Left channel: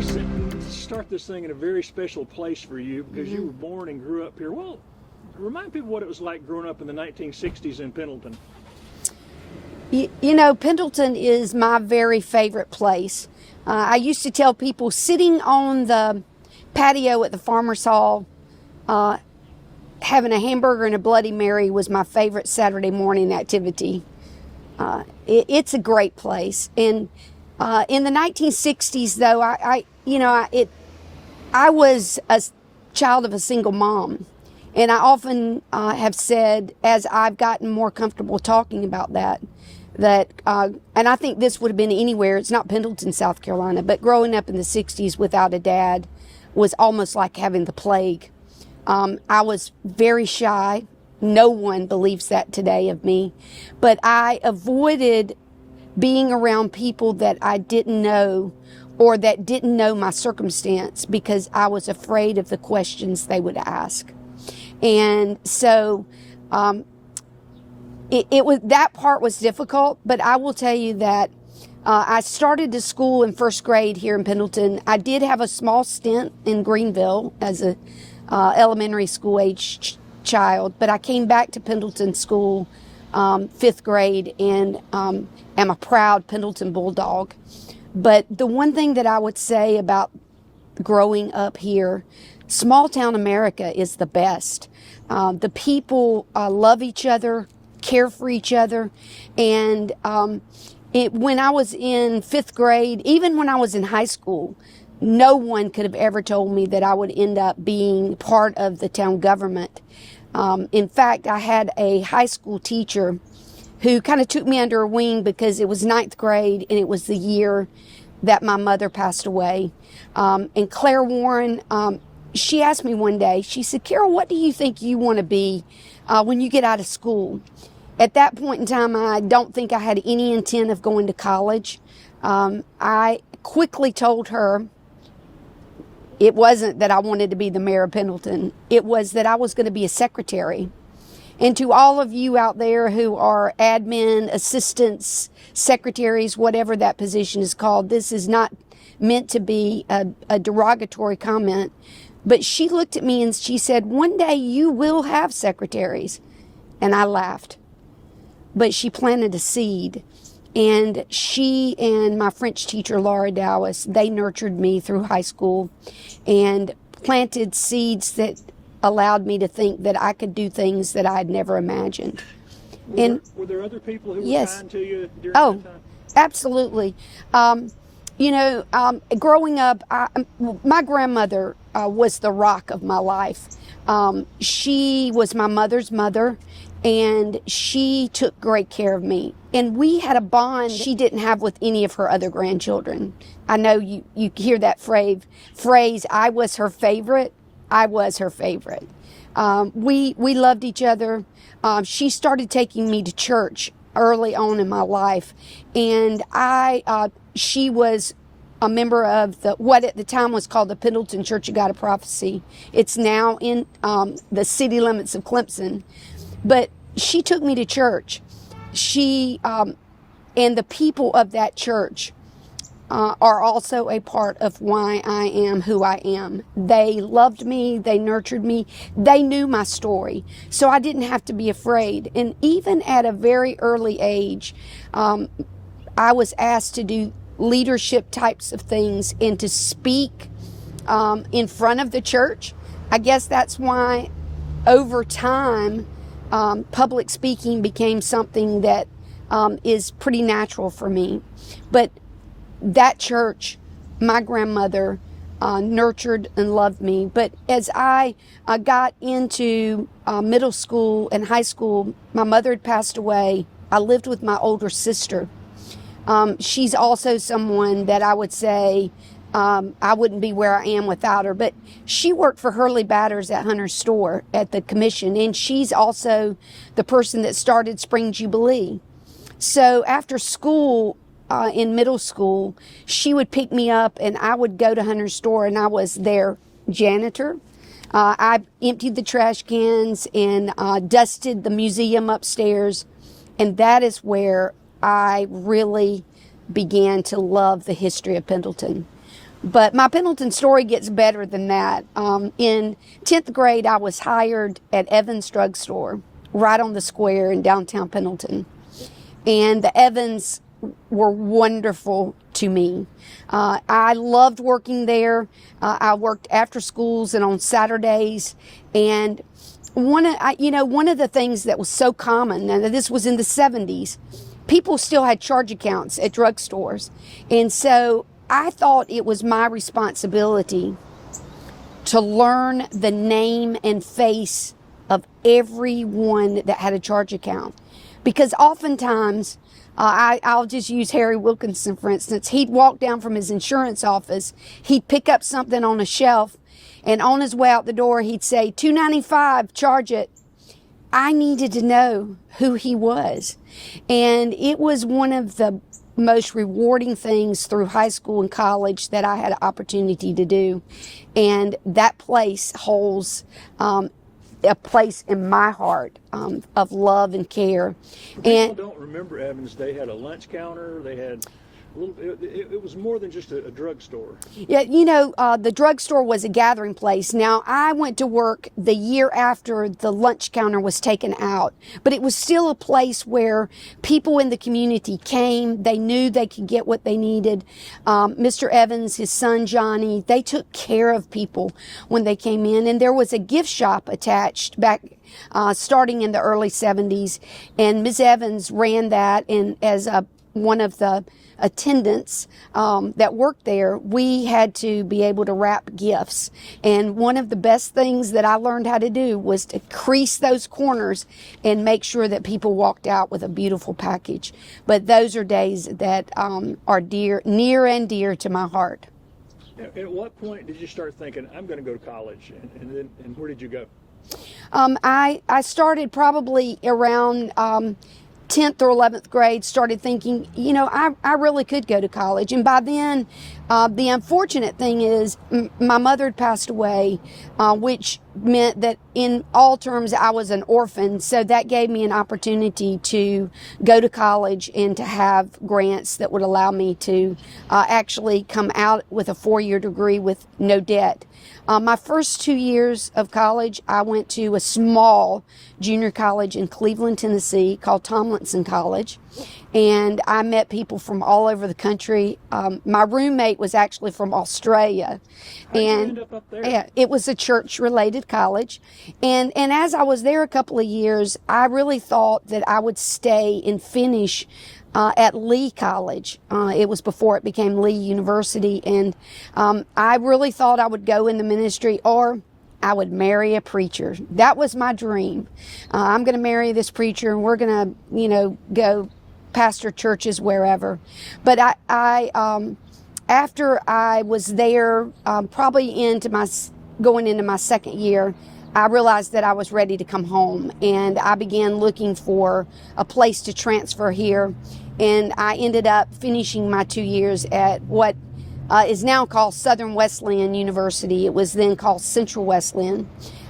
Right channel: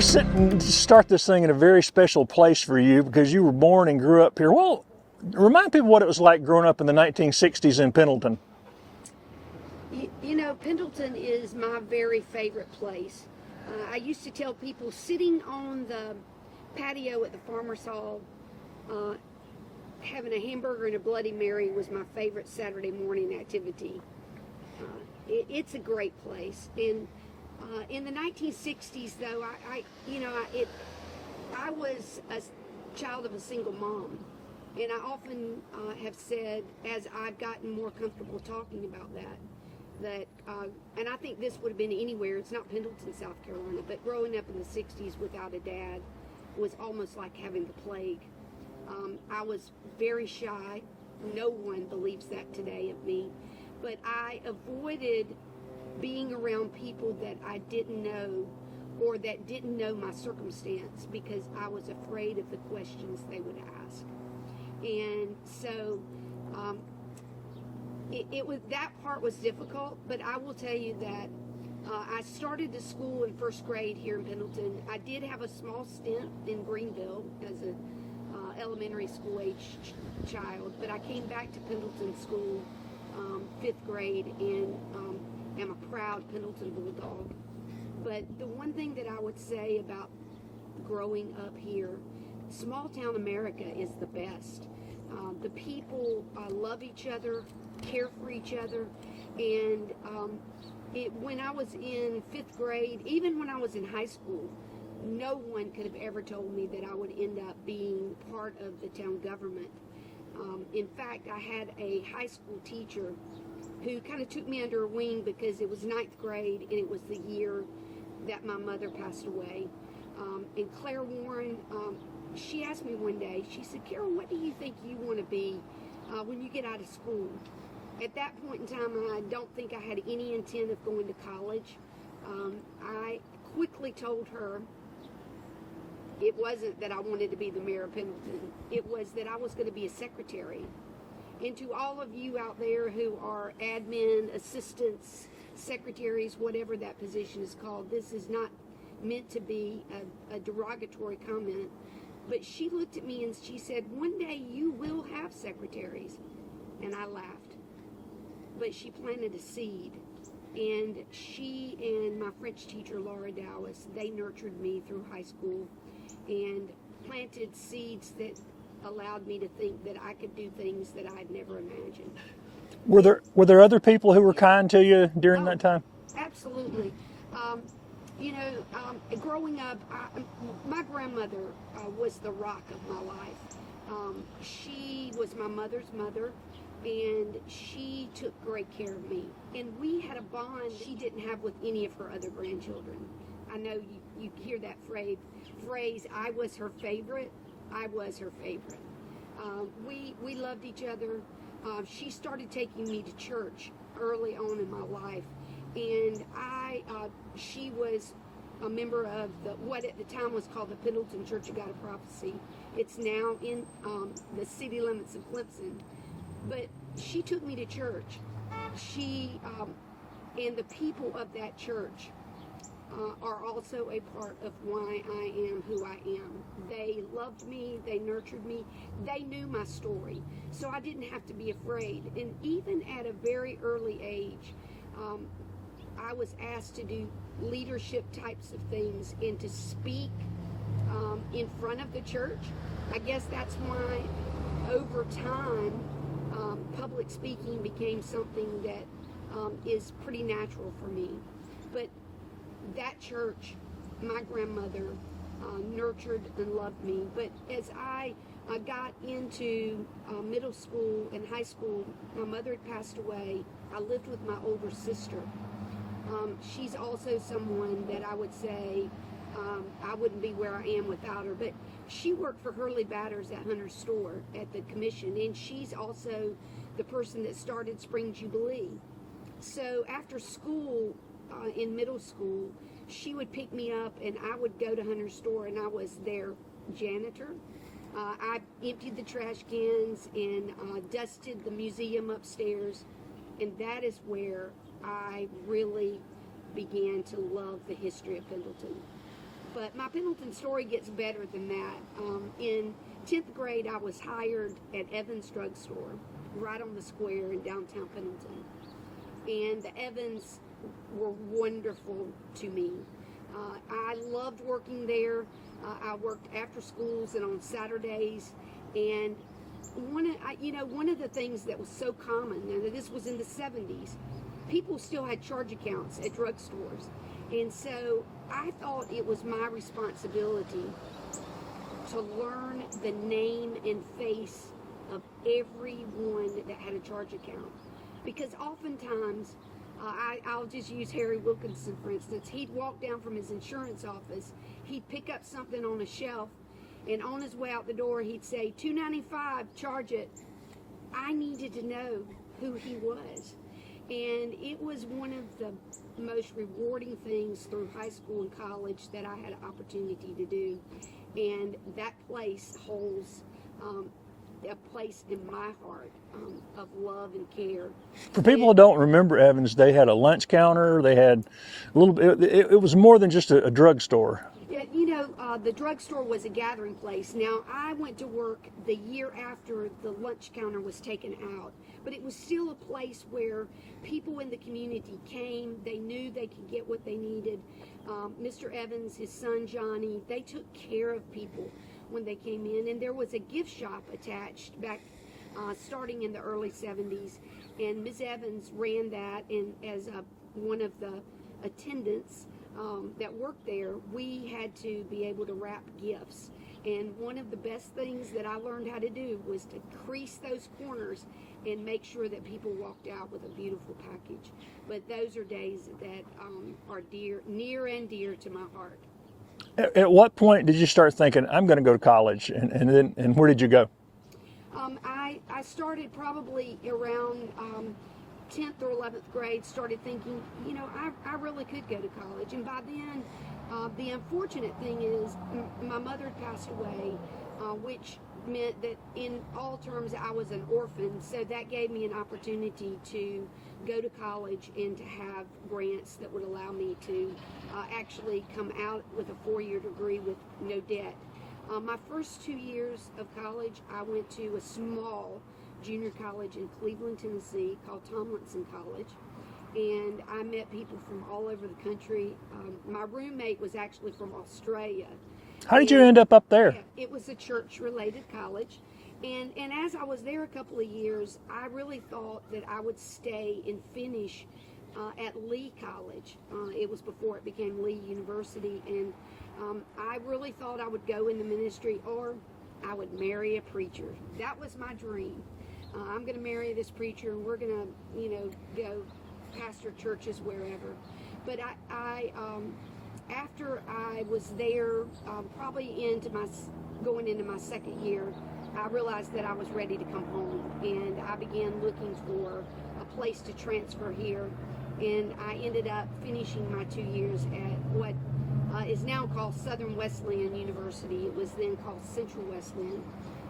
we're sitting to start this thing in a very special place for you because you were born and grew up here. Well, remind people what it was like growing up in the 1960s in Pendleton. You know, Pendleton is my very favorite place. I used to tell people sitting on the patio at the Farmer's Hall, having a hamburger and a Bloody Mary was my favorite Saturday morning activity. It's a great place. And in the 1960s, though, I was a child of a single mom. And I often have said, as I've gotten more comfortable talking about that, and I think this would have been anywhere, it's not Pendleton, South Carolina, but growing up in the 60s without a dad was almost like having the plague. I was very shy. No one believes that today of me. But I avoided being around people that I didn't know or that didn't know my circumstance because I was afraid of the questions they would ask. And so it was, that part was difficult, but I will tell you that I started to school in first grade here in Pendleton. I did have a small stint in Greenville as a elementary school age child, but I came back to Pendleton school fifth grade and am a proud Pendleton Bulldog. But the one thing that I would say about growing up here, small town America is the best. The people love each other, care for each other, and when I was in fifth grade, even when I was in high school, no one could have ever told me that I would end up being part of the town government. In fact, I had a high school teacher who kind of took me under her wing because it was ninth grade and it was the year that my mother passed away. And Claire Warren, she asked me one day, she said, "Carol, what do you think you want to be when you get out of school?" At that point in time, I don't think I had any intent of going to college. I quickly told her it wasn't that I wanted to be the mayor of Pendleton. It was that I was going to be a secretary. And to all of you out there who are admin, assistants, secretaries, whatever that position is called, this is not meant to be a derogatory comment. But she looked at me and she said, "One day you will have secretaries." And I laughed. But she planted a seed. And she and my French teacher, Laura Dowis, they nurtured me through high school and planted seeds that allowed me to think that I could do things that I had never imagined. Were there other people who were Yes. kind to you during that time? Absolutely. Growing up, my grandmother was the rock of my life. She was my mother's mother, and she took great care of me. And we had a bond she didn't have with any of her other grandchildren. I know you hear that phrase, "I was her favorite." I was her favorite. We loved each other. She started taking me to church early on in my life, and she was a member of what at the time was called the Pendleton Church of God of Prophecy. It's now in the city limits of Clemson. But she took me to church. She and the people of that church are also a part of why I am who I am. They loved me. They nurtured me. They knew my story. So I didn't have to be afraid. And even at a very early age, I was asked to do leadership types of things and to speak in front of the church. I guess that's why over time, public speaking became something that is pretty natural for me. But that church, my grandmother nurtured and loved me. But as I got into middle school and high school, my mother had passed away. I lived with my older sister. She's also someone that I would say I wouldn't be where I am without her. But she worked for Hurley Batters at Hunter's Store at the commission, and she's also the person that started Spring Jubilee. So after school, in middle school, she would pick me up and I would go to Hunter's Store, and I was their janitor. I emptied the trash cans and dusted the museum upstairs, and that is where I really began to love the history of Pendleton. But my Pendleton story gets better than that. In 10th grade, I was hired at Evans Drug Store, right on the square in downtown Pendleton. And the Evans were wonderful to me. I loved working there. I worked after schools and on Saturdays. And one of the things that was so common, now this was in the 70s, people still had charge accounts at drugstores. And so I thought it was my responsibility to learn the name and face of everyone that had a charge account. Because oftentimes, I'll just use Harry Wilkinson, for instance. He'd walk down from his insurance office, he'd pick up something on a shelf, and on his way out the door, he'd say, $2.95, charge it. I needed to know who he was. And it was one of the most rewarding things through high school and college that I had an opportunity to do. And that place holds a place in my heart of love and care. For people who don't remember Evans, they had a lunch counter. They had a little. It was more than just a drugstore. Yeah, the drugstore was a gathering place. Now, I went to work the year after the lunch counter was taken out, but it was still a place where people in the community came. They knew they could get what they needed. Mr. Evans, his son Johnny, they took care of people when they came in, and there was a gift shop attached back. Starting in the early 70s, and Ms. Evans ran that, and as one of the attendants that worked there, we had to be able to wrap gifts. And one of the best things that I learned how to do was to crease those corners and make sure that people walked out with a beautiful package. But those are days that are near and dear to my heart. At what point did you start thinking, I'm going to go to college, and where did you go? I started probably around 10th or 11th grade, started thinking, I really could go to college. And by then, the unfortunate thing is my mother had passed away, which meant that in all terms I was an orphan. So that gave me an opportunity to go to college and to have grants that would allow me to actually come out with a 4-year degree with no debt. My first 2 years of college, I went to a small junior college in Cleveland, Tennessee called Tomlinson College, and I met people from all over the country. My roommate was actually from Australia. How did you end up there? Yeah, it was a church-related college, and as I was there a couple of years, I really thought that I would stay and finish at Lee College. It was before it became Lee University, and I really thought I would go in the ministry or I would marry a preacher. That was my dream. I'm going to marry this preacher, and we're going to, go pastor churches wherever. But I after I was there, probably going into my second year, I realized that I was ready to come home, and I began looking for a place to transfer here. And I ended up finishing my 2 years at what is now called Southern Wesleyan University. It was then called Central Wesleyan.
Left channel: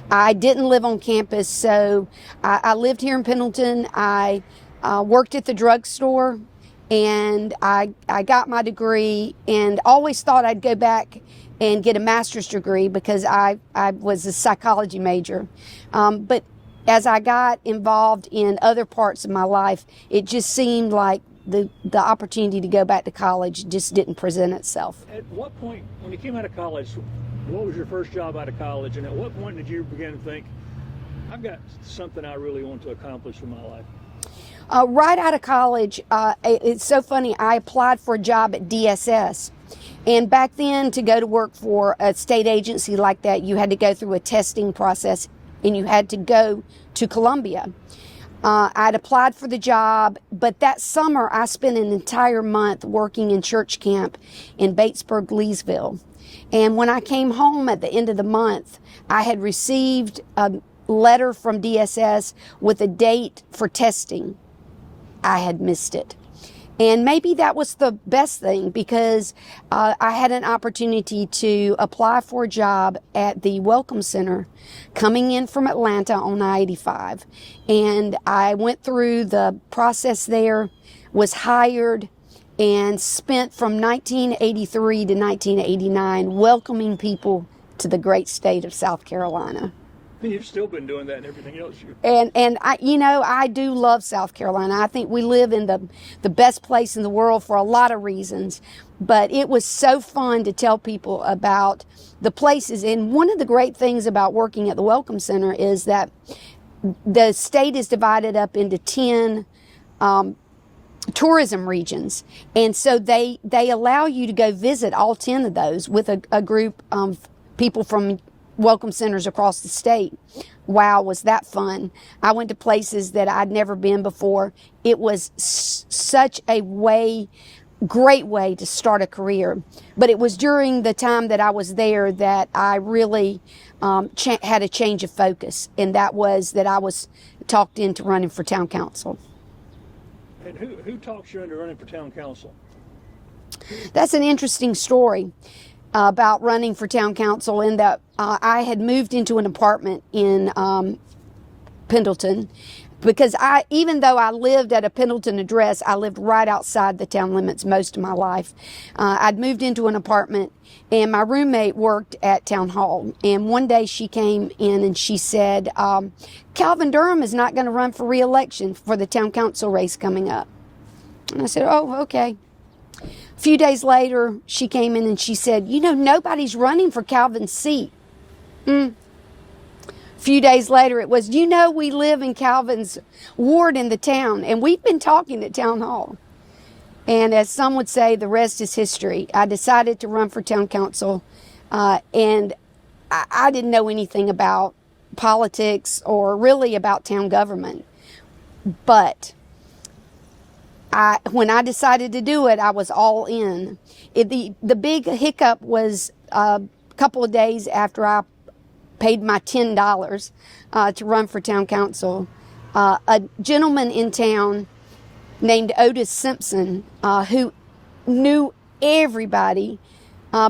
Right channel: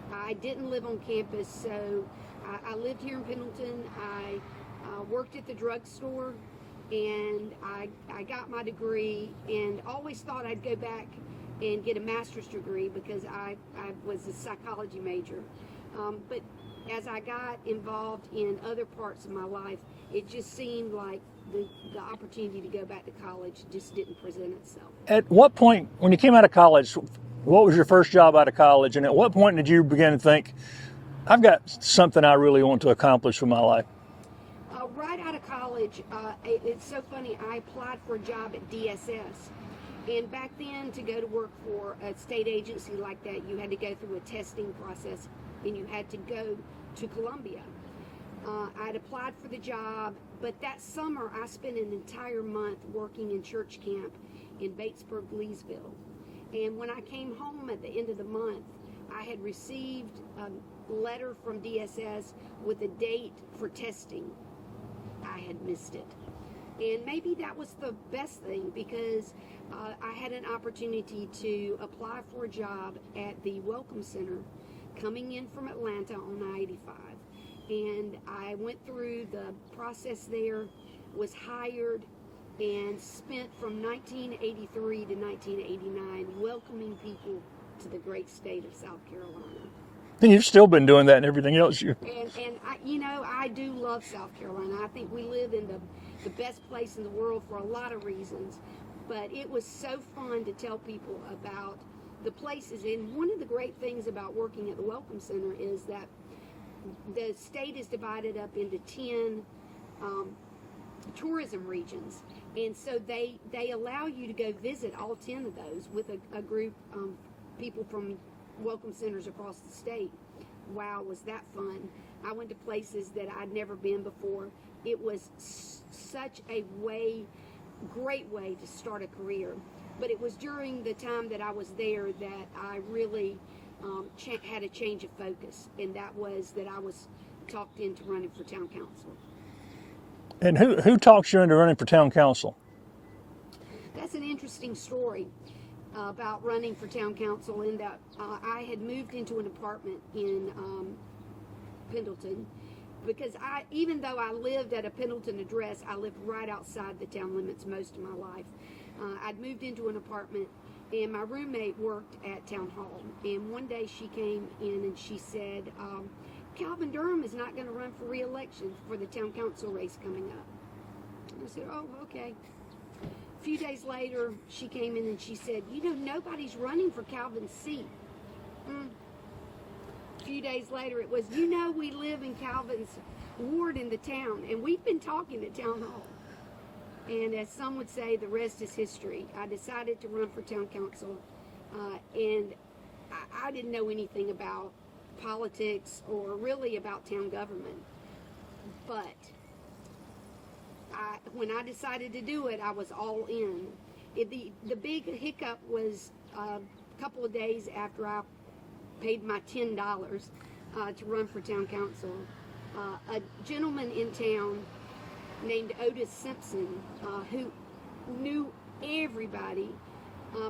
I didn't live on campus, so I lived here in Pendleton. I worked at the drugstore, and I got my degree, and always thought I'd go back and get a master's degree because I was a psychology major. But as I got involved in other parts of my life, it just seemed like the opportunity to go back to college just didn't present itself. At what point, when you came out of college, what was your first job out of college, and at what point did you begin to think, I've got something I really want to accomplish with my life? Right out of college, it's so funny, I applied for a job at DSS. And back then, to go to work for a state agency like that, you had to go through a testing process, and you had to go to Columbia. I'd applied for the job, but that summer I spent an entire month working in church camp in Batesburg, Leesville. And when I came home at the end of the month, I had received a letter from DSS with a date for testing. I had missed it. And maybe that was the best thing, because I had an opportunity to apply for a job at the Welcome Center coming in from Atlanta on I-85. And I went through the process there, was hired, and spent from 1983 to 1989 welcoming people to the great state of South Carolina. And you've still been doing that and everything else. And I do love South Carolina. I think we live in the best place in the world for a lot of reasons. But it was so fun to tell people about the places. And one of the great things about working at the Welcome Center is that the state is divided up into 10 tourism regions. And so they allow you to go visit all 10 of those with a group of people from welcome centers across the state. Wow, was that fun. I went to places that I'd never been before. It was such a great way to start a career. But it was during the time that I was there that I really had a change of focus, and that was that I was talked into running for town council. And who talks you into running for town council? That's an interesting story about running for town council, in that I had moved into an apartment in Pendleton, because even though I lived at a Pendleton address, I lived right outside the town limits most of my life. I'd moved into an apartment, and my roommate worked at town hall. And one day she came in and she said, Calvin Durham is not going to run for re-election for the town council race coming up. And I said, oh, okay. A few days later, she came in and she said, nobody's running for Calvin's seat. A few days later, it was, we live in Calvin's ward in the town, and we've been talking at town hall. And as some would say, the rest is history. I decided to run for town council, and I didn't know anything about politics or really about town government. But when I decided to do it, I was all in. The big hiccup was a couple of days after I paid my $10 to run for town council. A gentleman in town named Otis Simpson, who knew everybody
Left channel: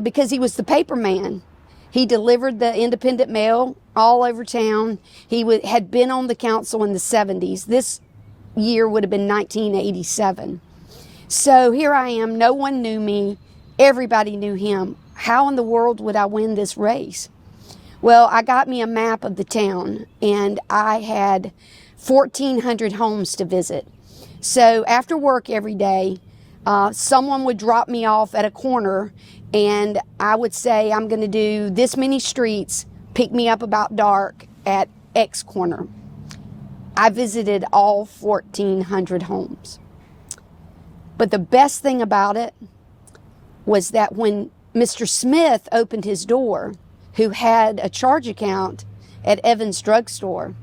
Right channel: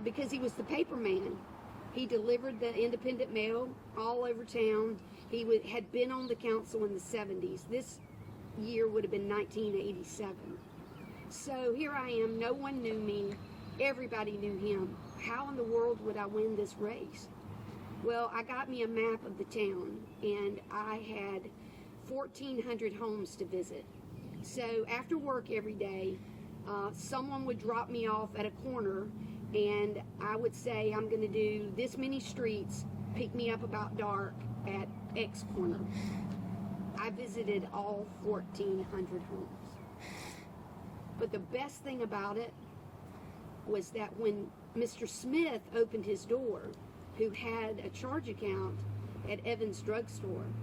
because he was the paper man. He delivered the independent mail all over town. He had been on the council in the 70s. This year would have been 1987. So here I am. No one knew me. Everybody knew him. How in the world would I win this race? Well, I got me a map of the town, and I had 1,400 homes to visit. So after work every day, someone would drop me off at a corner, and I would say, I'm going to do this many streets, pick me up about dark at X corner. I visited all 1,400 homes. But the best thing about it was that when Mr. Smith opened his door, who had a charge account at Evans Drug Store,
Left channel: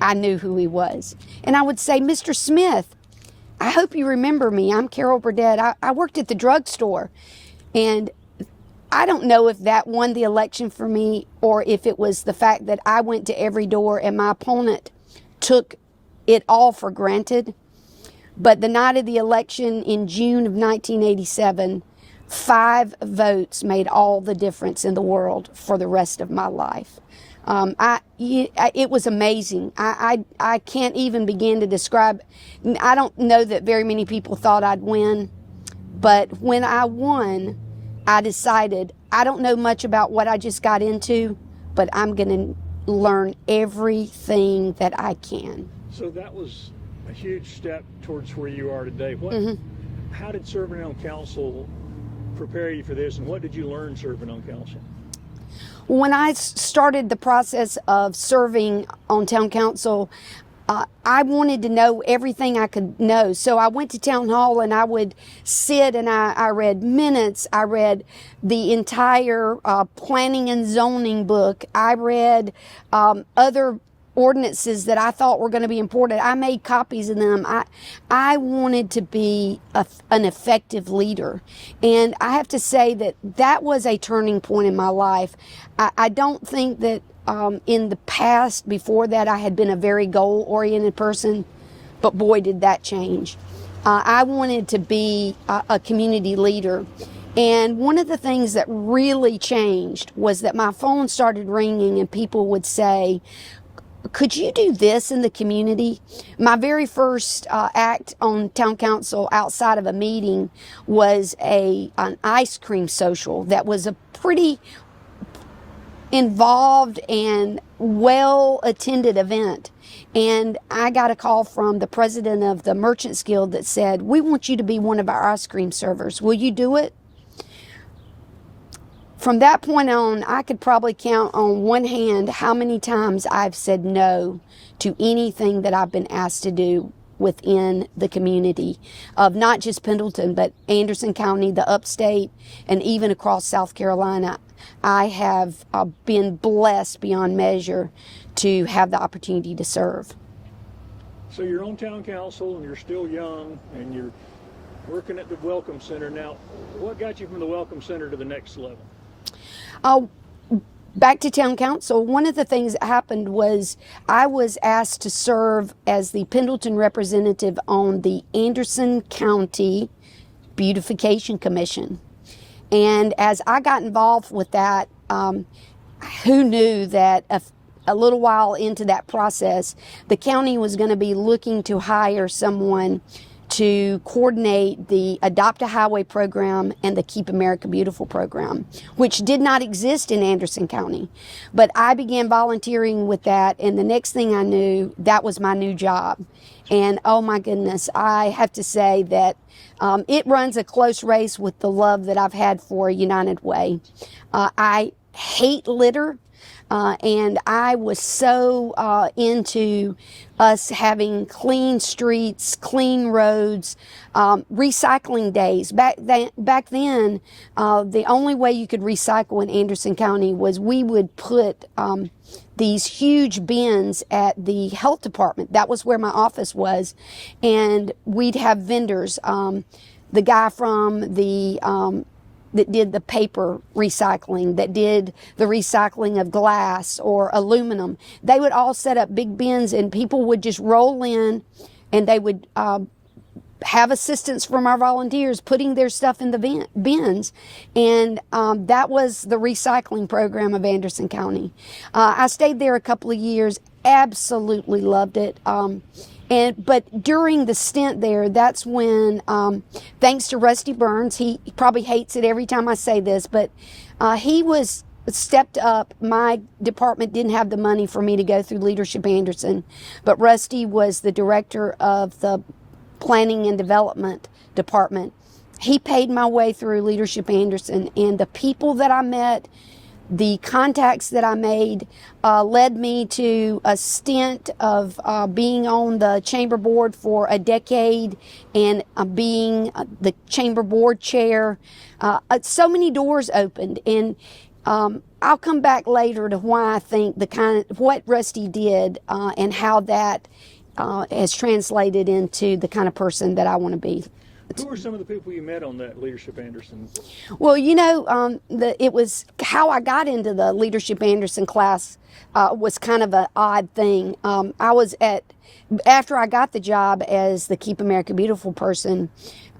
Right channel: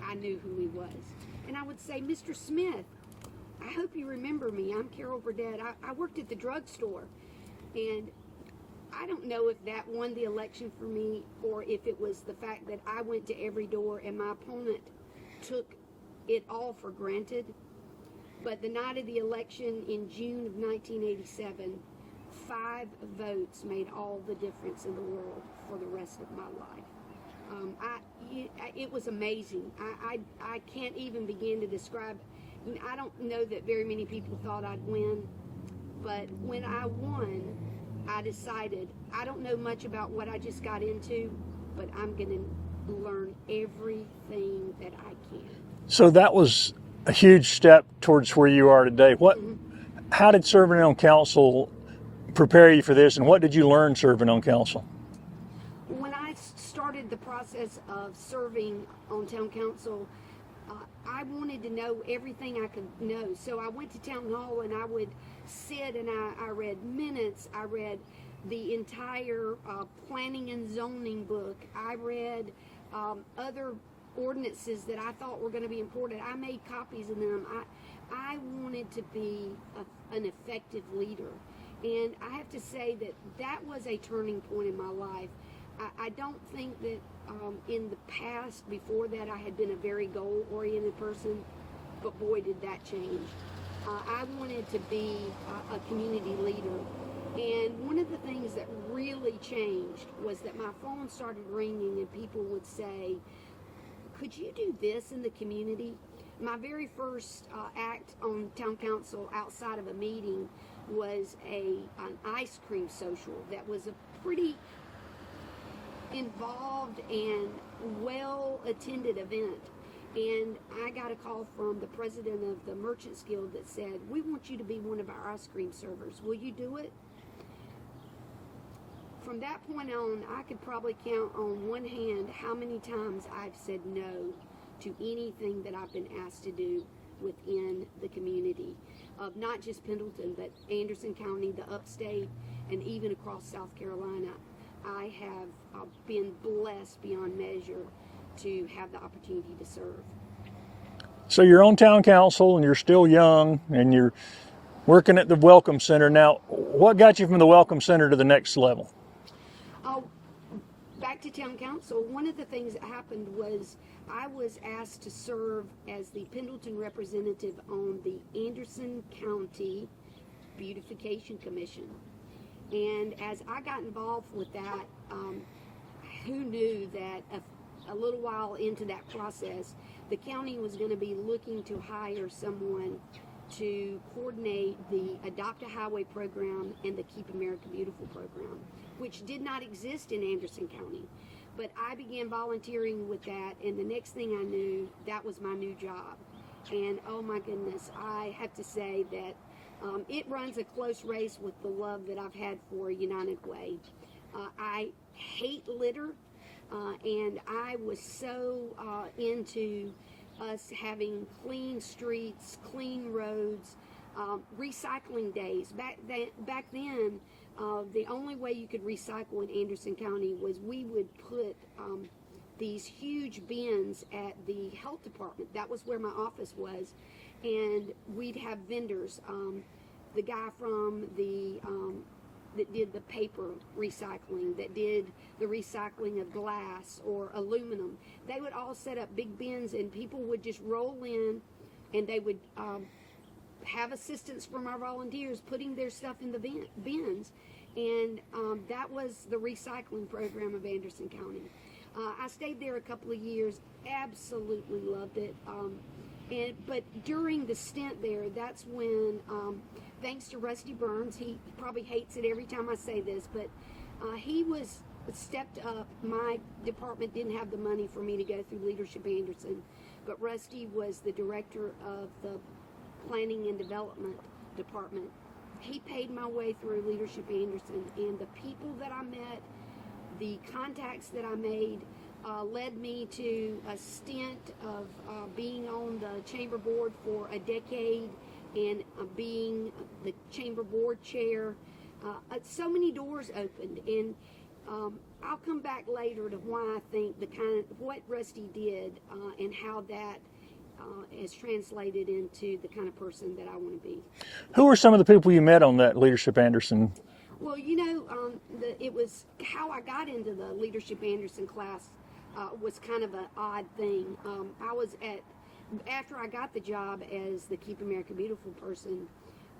I knew who he was. And I would say, Mr. Smith, I hope you remember me. I'm Carol Burdette. I worked at the drugstore. And I don't know if that won the election for me, or if it was the fact that I went to every door and my opponent took it all for granted. But the night of the election in June of 1987, 5 votes made all the difference in the world for the rest of my life. It was amazing. I can't even begin to describe. I don't know that very many people thought I'd win, but when I won, I decided I don't know much about what I just got into, but I'm going to learn everything that I can. So that was a huge step towards where you are today. How did serving on council prepare you for this, and what did you learn serving on council? When I started the process of serving on town council, I wanted to know everything I could know. So I went to town hall and I would sit and I read minutes. I read the entire planning and zoning book. I read other ordinances that I thought were going to be important. I made copies of them. I wanted to be an effective leader. And I have to say that was a turning point in my life. I don't think that in the past, before that, I had been a very goal-oriented person, but boy, did that change. I wanted to be a community leader. And one of the things that really changed was that my phone started ringing and people would say, could you do this in the community? My very first act on town council outside of a meeting was an ice cream social that was a pretty involved and well attended event. And I got a call from the president of the Merchants Guild that said, we want you to be one of our ice cream servers. Will you do it? From that point on, I could probably count on one hand how many times I've said no to anything that I've been asked to do within the community of not just Pendleton, but Anderson County, the upstate, and even across South Carolina. I have been blessed beyond measure to have the opportunity to serve. So you're on town council and you're still young and you're working at the Welcome Center. Now, what got you from the Welcome Center to the next level? Back to town council, one of the things that happened was I was asked to serve as the Pendleton representative on the Anderson County Beautification Commission. And as I got involved with that, who knew that a little while into that process, the county was going to be looking to hire someone to coordinate the Adopt a Highway program and the Keep America Beautiful program, which did not exist in Anderson County. But I began volunteering with that, and the next thing I knew, that was my new job. And oh my goodness, I have to say that it runs a close race with the love that I've had for United Way. I hate litter. And I was so into us having clean streets, clean roads, recycling days. Back then, the only way you could recycle in Anderson County was we would put these huge bins at the health department. That was where my office was. And we'd have vendors. The guy from that did the paper recycling, that did the recycling of glass or aluminum. They would all set up big bins and people would just roll in and they would have assistance from our volunteers putting their stuff in the bins. And that was the recycling program of Anderson County. I stayed there a couple of years, absolutely loved it. But during the stint there, that's when, thanks to Rusty Burns, he probably hates it every time I say this, but he was stepped up. My department didn't have the money for me to go through Leadership Anderson, but Rusty was the director of the Planning and Development Department. He paid my way through Leadership Anderson, and the people that I met, the contacts that I made led me to a stint of being on the chamber board for a decade and being the chamber board chair. So many doors opened, and I'll come back later to why I think what Rusty did and how that has translated into the kind of person that I want to be. Who were some of the people you met on that Leadership Anderson? Well, it was how I got into the Leadership Anderson class was kind of an odd thing. After I got the job as the Keep America Beautiful person,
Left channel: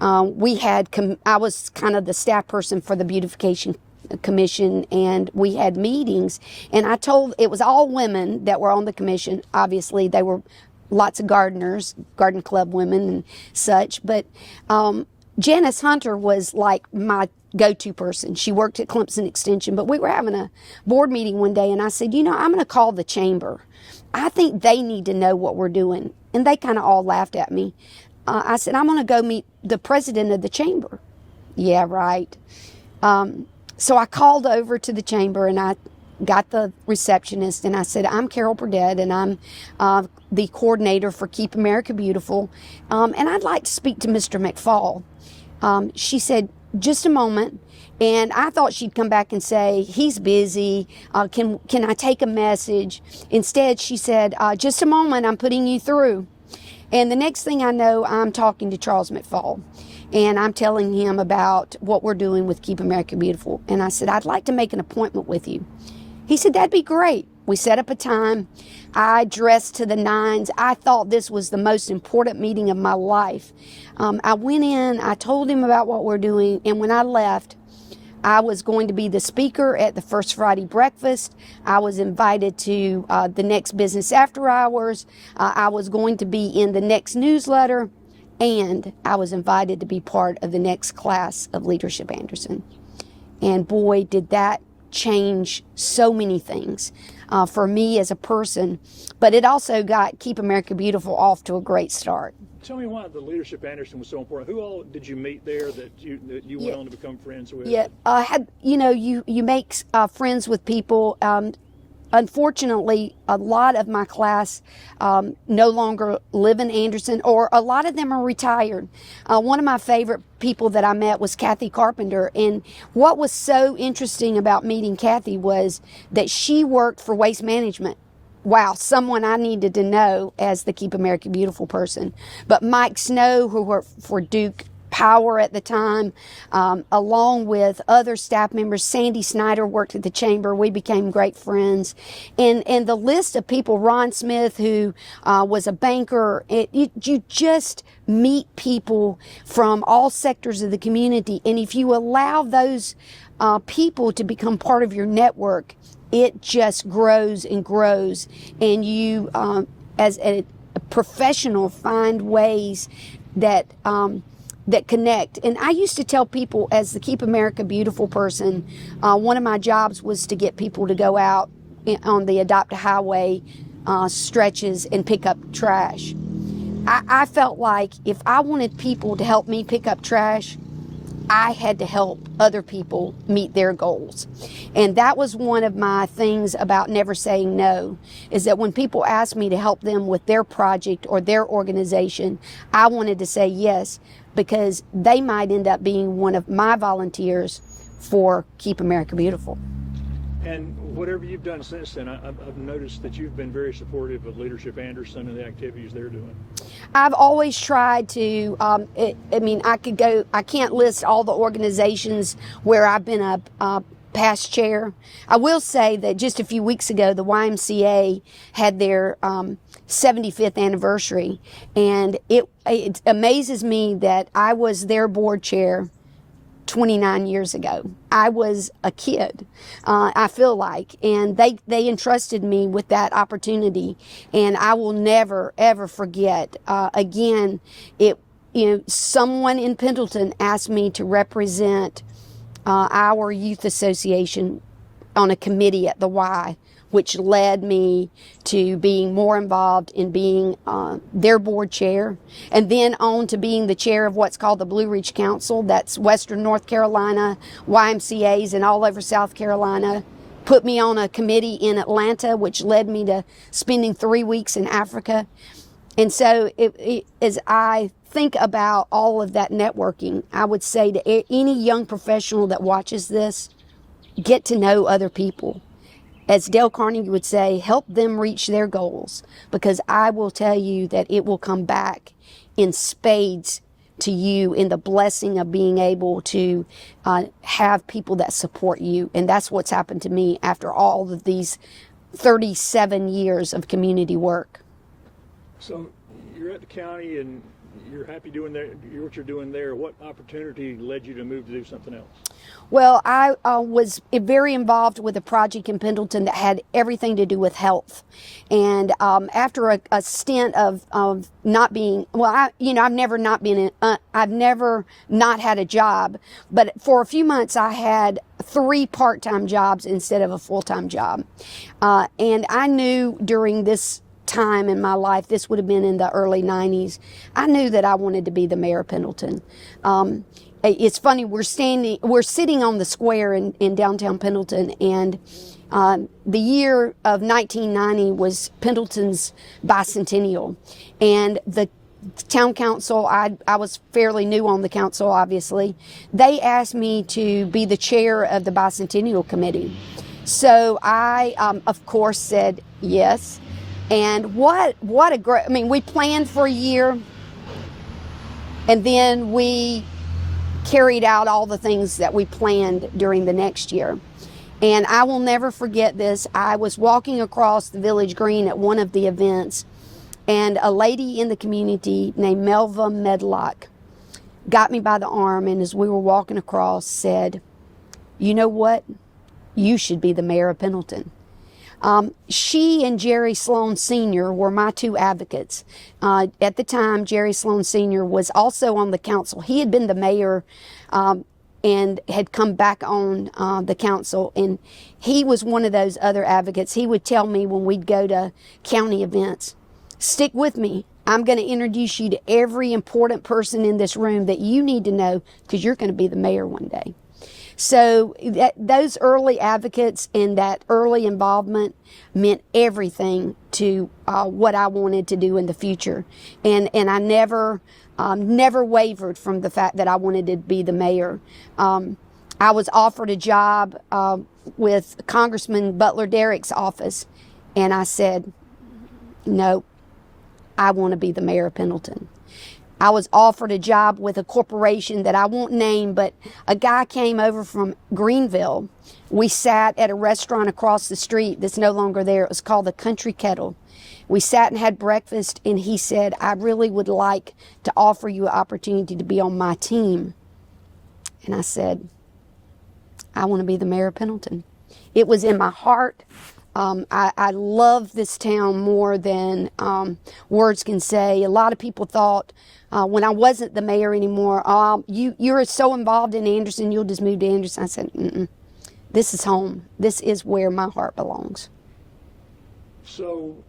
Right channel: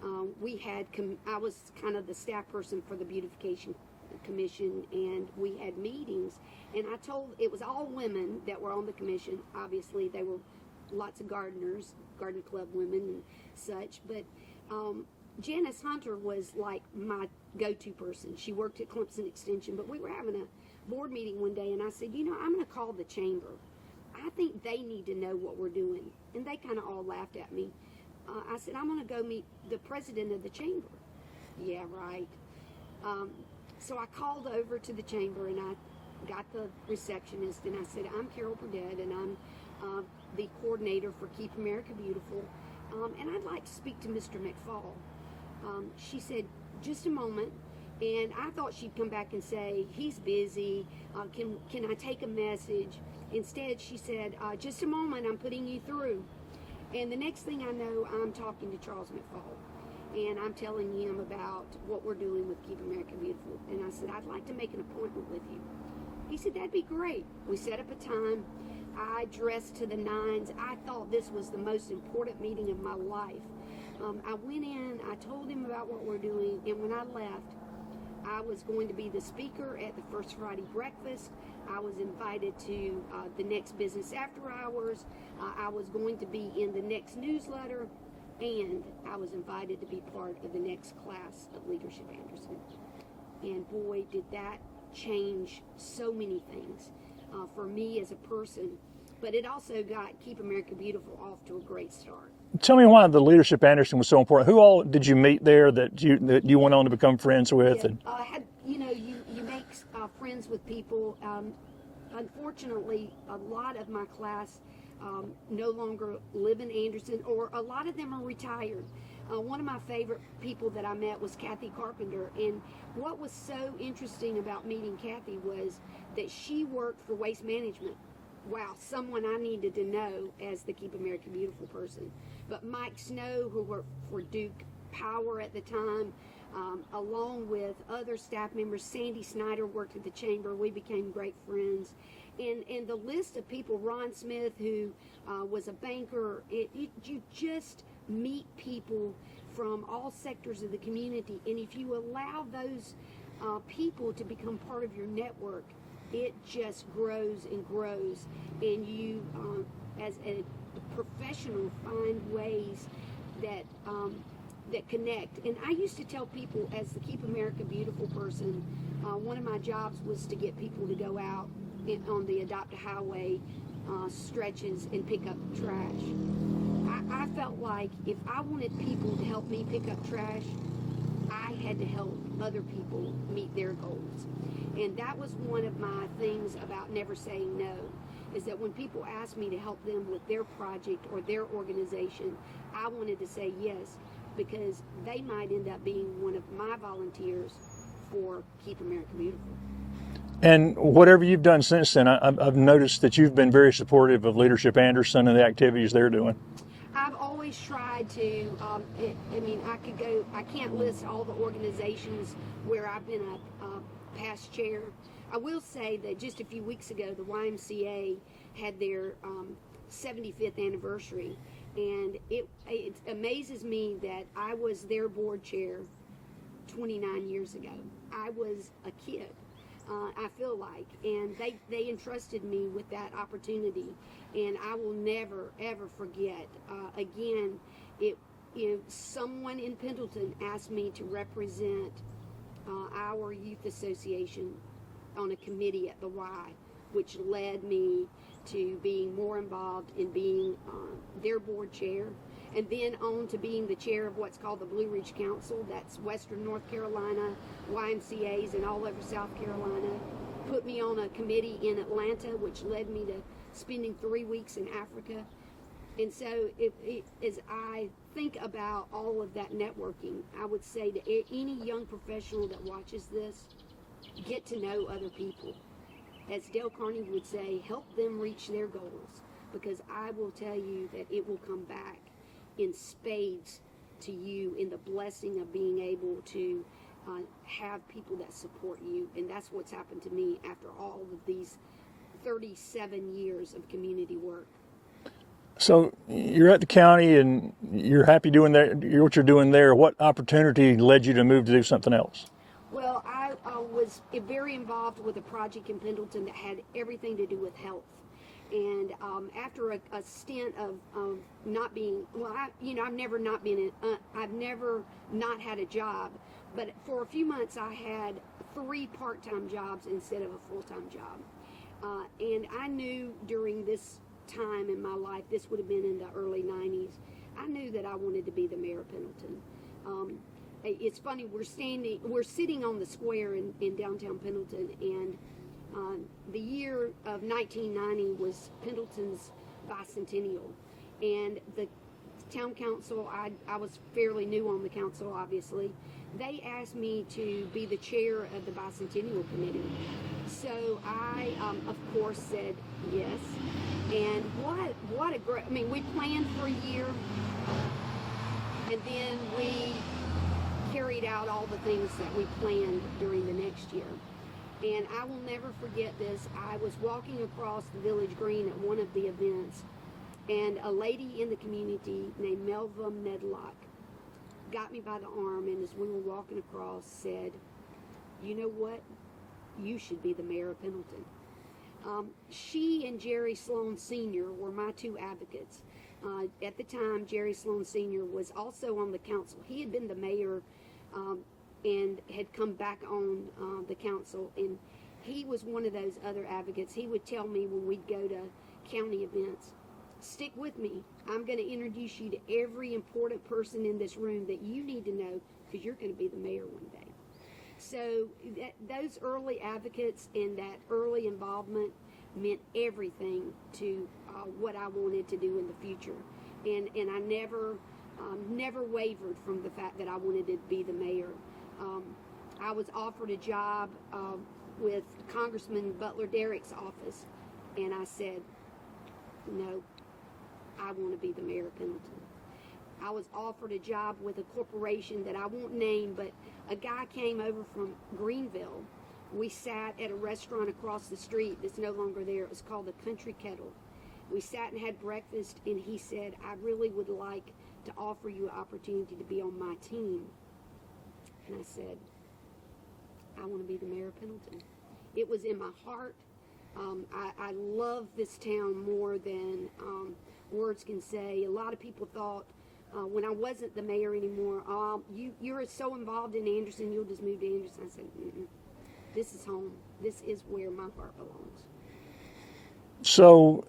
I was kind of the staff person for the Beautification Commission, and we had meetings, and it was all women that were on the commission. Obviously, they were lots of gardeners, garden club women and such, but Janice Hunter was like my go-to person. She worked at Clemson Extension, but we were having a board meeting one day, and I said, I'm going to call the chamber. I think they need to know what we're doing. And they kind of all laughed at me. I said, I'm going to go meet the president of the chamber. Yeah, right. So I called over to the chamber, and I got the receptionist, and I said, I'm Carol Burdette, and I'm the coordinator for Keep America Beautiful, and I'd like to speak to Mr. McFall. She said, just a moment, and I thought she'd come back and say, he's busy, can I take a message? Instead, she said, just a moment, I'm putting you through. And the next thing I know, I'm talking to Charles McFall, and I'm telling him about what we're doing with Keep America Beautiful. And I said, I'd like to make an appointment with you. He said, that'd be great. We set up a time. I dressed to the nines. I thought this was the most important meeting of my life. I went in, I told him about what we're doing, and when I left, I was going to be the speaker at the First Friday breakfast. I was invited to the next business after hours. I was going to be in the next newsletter, and I was invited to be part of the next class of Leadership Anderson. And boy, did that change so many things for me as a person, but it also got Keep America Beautiful off to a great start. Tell me why the Leadership Anderson was so important. Who all did you meet there that you went on to become friends with? Yeah, you make friends with people. Unfortunately, a lot of my class no longer live in Anderson, or a lot of them are retired. One of my favorite people that I met was Kathy Carpenter, and what was so interesting about meeting Kathy was that she worked for Waste Management. Wow, someone I needed to know as the Keep America Beautiful person. But Mike Snow, who worked for Duke Power at the time, along with other staff members. Sandy Snyder worked at the chamber. We became great friends. And the list of people, Ron Smith, who was a banker, you just meet people from all sectors of the community. And if you allow those people to become part of your network, it just grows and grows. And you, as a professional, find ways that that connect. And I used to tell people, as the Keep America Beautiful person, one of my jobs was to get people to go out on the Adopt a Highway stretches and pick up trash. I felt like if I wanted people to help me pick up trash, I had to help other people meet their goals. And that was one of my things about never saying no, is that when people asked me to help them with their project or their organization, I wanted to say yes, because they might end up being one of my volunteers for Keep America Beautiful. And whatever you've done since then, I've noticed that you've been very supportive of Leadership Anderson and the activities they're doing. I've always tried to, I can't list all the organizations where I've been a past chair. I will say that just a few weeks ago, the YMCA had their 75th anniversary, and it amazes me that I was their board chair 29 years ago. I was a kid, I feel like, and they entrusted me with that opportunity, and I will never ever forget. Again, someone in Pendleton asked me to represent our youth association on a committee at the Y, which led me to being more involved in being their board chair, and then on to being the chair of what's called the Blue Ridge Council. That's Western North Carolina, YMCAs, and all over South Carolina. Put me on a committee in Atlanta, which led me to spending 3 weeks in Africa. And so as I think about all of that networking, I would say to any young professional that watches this, get to know other people. As Dale Carnegie would say, help them reach their goals, because I will tell you that it will come back in spades to you in the blessing of being able to have people that support you. And that's what's happened to me after all of these 37 years of community work. So you're at the county and you're happy doing what you're doing there. What opportunity led you to move to do something else? Well, I was very involved with a project in Pendleton that had everything to do with health. And after a stint of not being, I've never not had a job. But for a few months, I had 3 part-time jobs instead of a full-time job. And I knew during this time in my life, this would have been in the early 90s, I knew that I wanted to be the mayor of Pendleton. It's funny, we're sitting on the square in downtown Pendleton, and the year of 1990 was Pendleton's bicentennial. And the town council, I was fairly new on the council, obviously, they asked me to be the chair of the bicentennial committee. So I, of course, said yes. And what a great, we planned for a year, and then we carried out all the things that we planned during the next year. And I will never forget this. I was walking across the village green at one of the events, and a lady in the community named Melva Medlock got me by the arm, and as we were walking across said, you know what? You should be the mayor of Pendleton. She and Jerry Sloan Sr. were my two advocates. At the time, Jerry Sloan Sr. was also on the council. He had been the mayor and had come back on the council, and he was one of those other advocates. He would tell me when we'd go to county events, stick with me. I'm going to introduce you to every important person in this room that you need to know, because you're going to be the mayor one day. So those early advocates and that early involvement meant everything to what I wanted to do in the future. And I never wavered from the fact that I wanted to be the mayor. I was offered a job with Congressman Butler Derrick's office, and I said, no, I want to be the mayor of Pendleton. I was offered a job with a corporation that I won't name, but a guy came over from Greenville. We sat at a restaurant across the street that's no longer there. It was called the Country Kettle. We sat and had breakfast, and he said, I really would like to offer you an opportunity to be on my team. And I said, I want to be the mayor of Pendleton. It was in my heart. I love this town more than words can say. A lot of people thought when I wasn't the mayor anymore, you're so involved in Anderson, you'll just move to Anderson. I said, this is home. This is where my heart belongs. So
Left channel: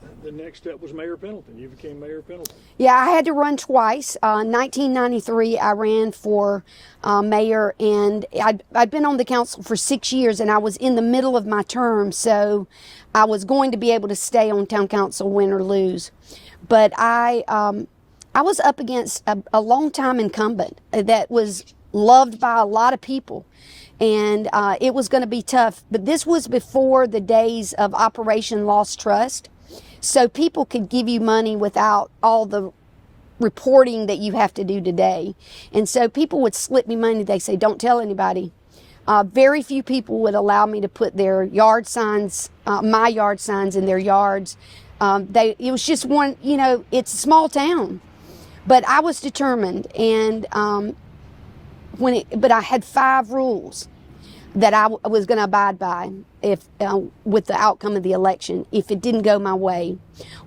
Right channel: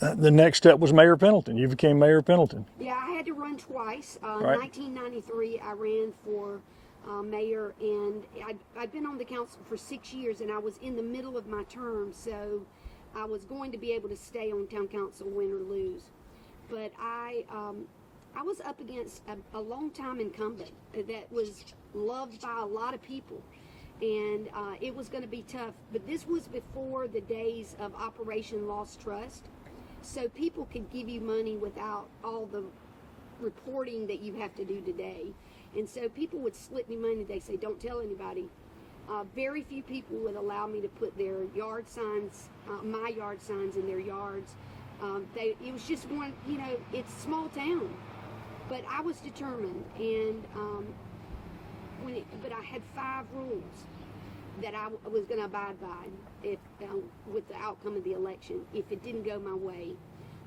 the next step was Mayor of Pendleton. You became Mayor of Pendleton. Yeah, I had to run twice. Right. 1993, I ran for mayor, and I'd been on the council for 6 years, and I was in the middle of my term, so I was going to be able to stay on town council, win or lose. But I was up against a long-time incumbent that was loved by a lot of people, and it was going to be tough. But this was before the days of Operation Lost Trust. So people could give you money without all the reporting that you have to do today. And so people would slip me money. They say, don't tell anybody. Very few people would allow me to put their yard signs, my yard signs in their yards. It was just one, it's a small town. But I was determined. And but I had 5 rules that I was going to abide by with the outcome of the election if it didn't go my way.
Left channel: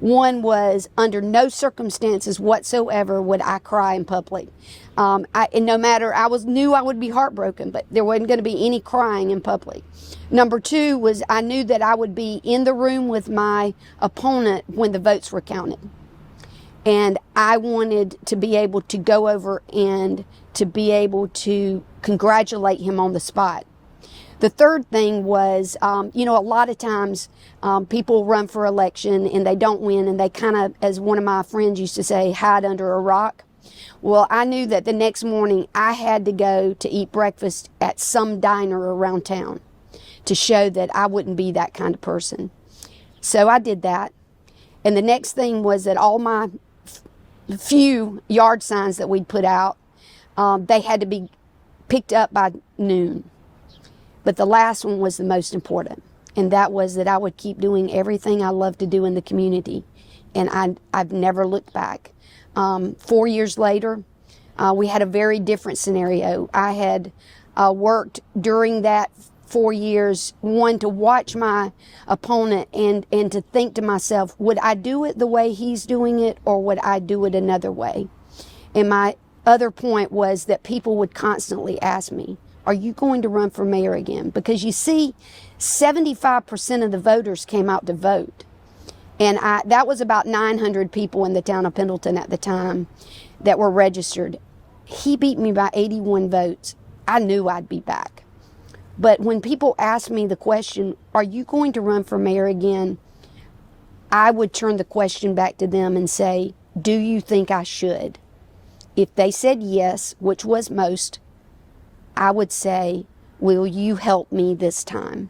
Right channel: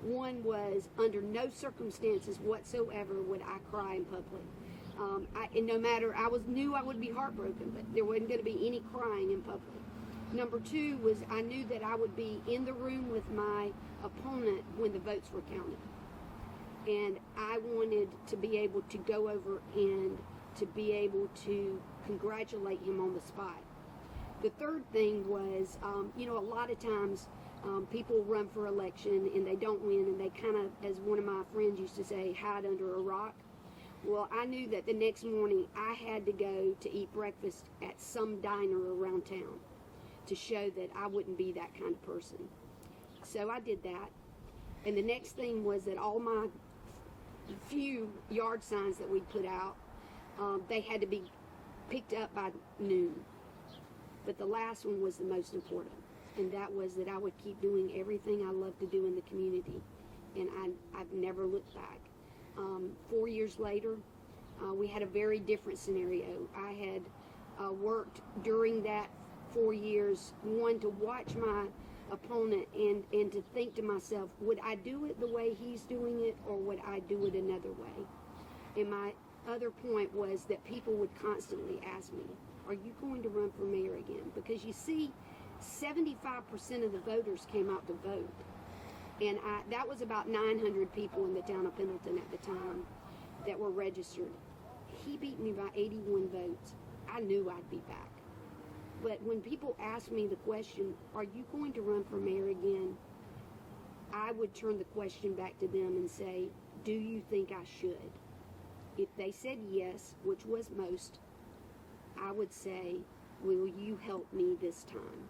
One was, under no circumstances whatsoever would I cry in public. And no matter, knew I would be heartbroken, but there wasn't going to be any crying in public. Number 2 was, I knew that I would be in the room with my opponent when the votes were counted. And I wanted to be able to go over and to be able to congratulate him on the spot. The third thing was, a lot of times people run for election and they don't win, and they kind of, as one of my friends used to say, hide under a rock. Well, I knew that the next morning I had to go to eat breakfast at some diner around town to show that I wouldn't be that kind of person. So I did that. And the next thing was that all my few yard signs that we'd put out, they had to be picked up by noon. But the last one was the most important, and that was that I would keep doing everything I love to do in the community, and I've never looked back. 4 years later, we had a very different scenario. I had worked during that 4 years, one, to watch my opponent and to think to myself, would I do it the way he's doing it, or would I do it another way? And my other point was that people would constantly ask me, are you going to run for mayor again? Because you see, 75% of the voters came out to vote. And that was about 900 people in the town of Pendleton at the time that were registered. He beat me by 81 votes. I knew I'd be back. But when people asked me the question, are you going to run for mayor again? I would turn the question back to them and say, do you think I should? If they said yes, which was most, I would say, will you help me this time?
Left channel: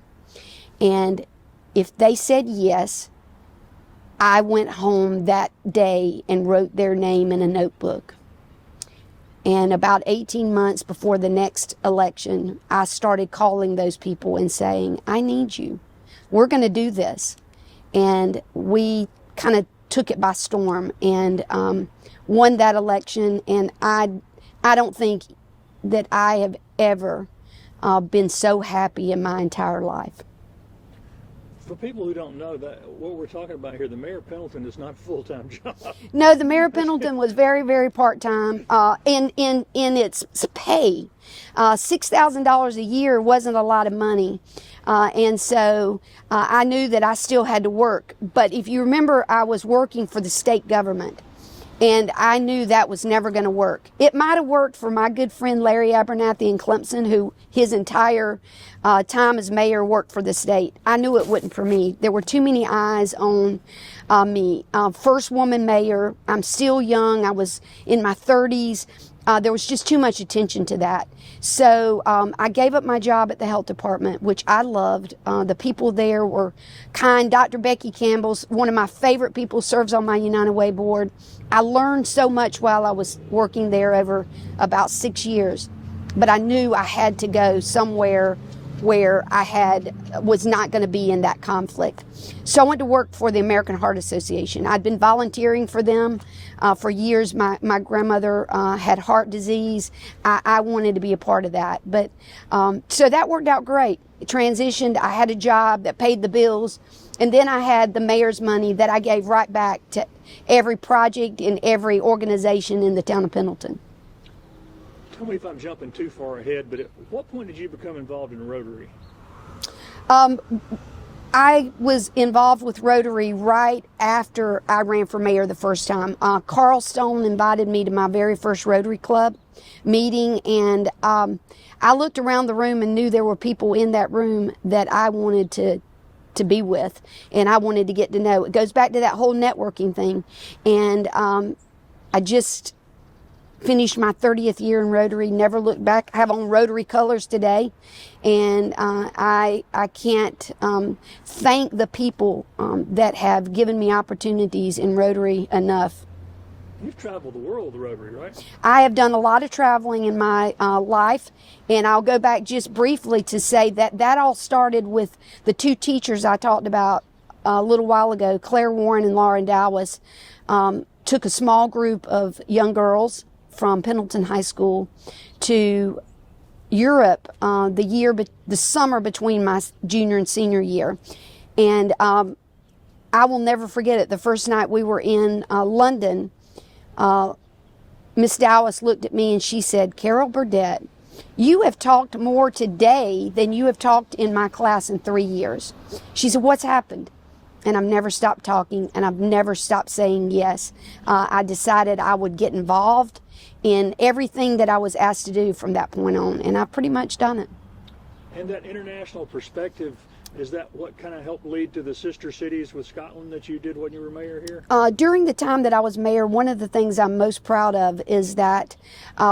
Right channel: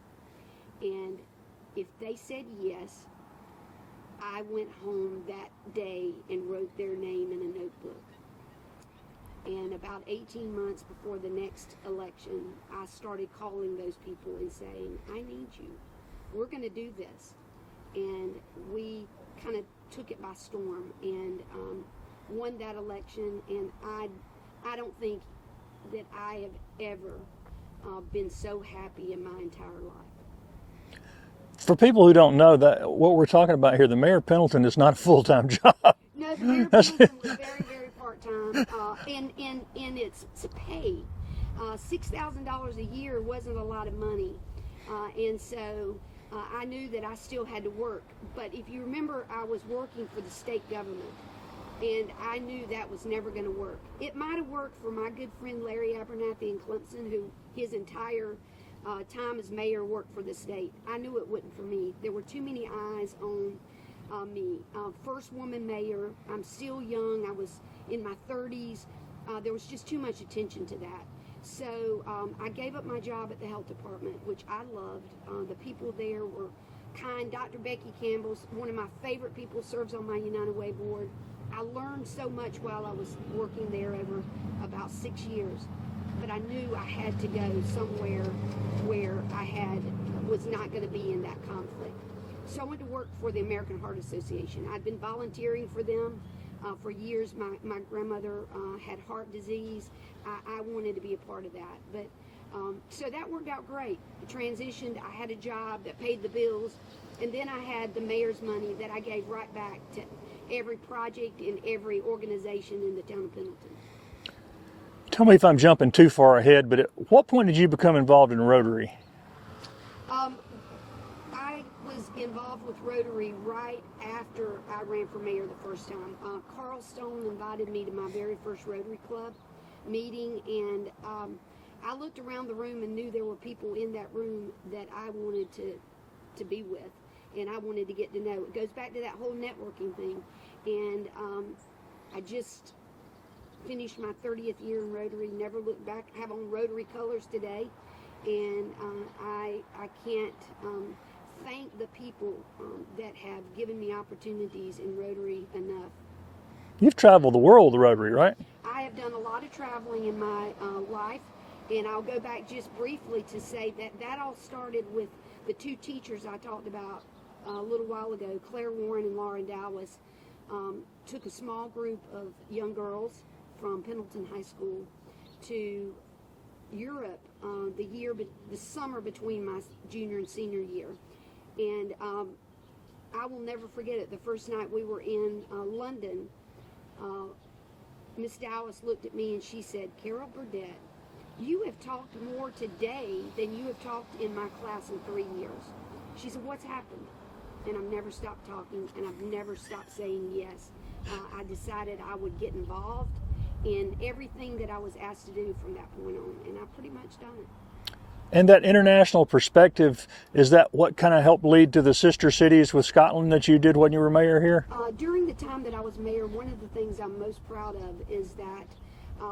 And if they said yes, I went home that day and wrote their name in a notebook. And about 18 months before the next election, I started calling those people and saying, I need you. We're going to do this. And we kind of took it by storm and won that election. And I don't think that I have ever been so happy in my entire life. For people who don't know, that what we're talking about here, the mayor of Pendleton is not a full-time job. No, the mayor of Pendleton was very, very part-time in its pay. $6,000 a year wasn't a lot of money. And so I knew that I still had to work. But if you remember, I was working for the state government, and I knew that was never going to work. It might have worked for my good friend Larry Abernathy in Clemson, who his entire time as mayor worked for the state. I knew it wouldn't for me. There were too many eyes on me. First woman mayor. I'm still young. I was in my 30s. There was just too much attention to that. So I gave up my job at the health department, which I loved. The people there were kind. Dr. Becky Campbell's one of my favorite people, serves on my United Way board. I learned so much while I was working there over about 6 years, but I knew I had to go somewhere where I was not going to be in that conflict. So I went to work for the American Heart Association. I'd been volunteering for them for years. My grandmother had heart disease. I wanted to be a part of that. But so that worked out great. It transitioned. I had a job that paid the bills. And then I had the mayor's money that I gave right back to every project and every organization in the town of Pendleton. Tell me if I'm jumping too far ahead, but at what point did you become involved in Rotary? I was involved with Rotary right after I ran for mayor the first time. Carl Stone invited me to my very first Rotary Club meeting, and I looked around the room and knew there were people in that room that I wanted to be with, and I wanted to get to know. It goes back to that whole networking thing, and I just finished my 30th year in Rotary, never looked back. I have on Rotary colors today, and I can't thank the people that have given me opportunities in Rotary enough. You've traveled the world, the Rotary, right? I have done a lot of traveling in my life, and I'll go back just briefly to say that all started with the two teachers I talked about a little while ago, Claire Warren and Lauren Dowis. Took a small group of young girls from Pendleton High School to Europe the summer between my junior and senior year. And I will never forget it. The first night we were in London, Miss Dowis looked at me and she said, "Carol Burdette, you have talked more today than you have talked in my class in 3 years." She said, "What's happened?" And I've never stopped talking, and I've never stopped saying yes. I decided I would get involved in everything that I was asked to do from that point on, and I've pretty much done it. And that international perspective, is that what kind of helped lead to the sister cities with Scotland that you did when you were mayor here? During the time that I was mayor, one of the things I'm most proud of is that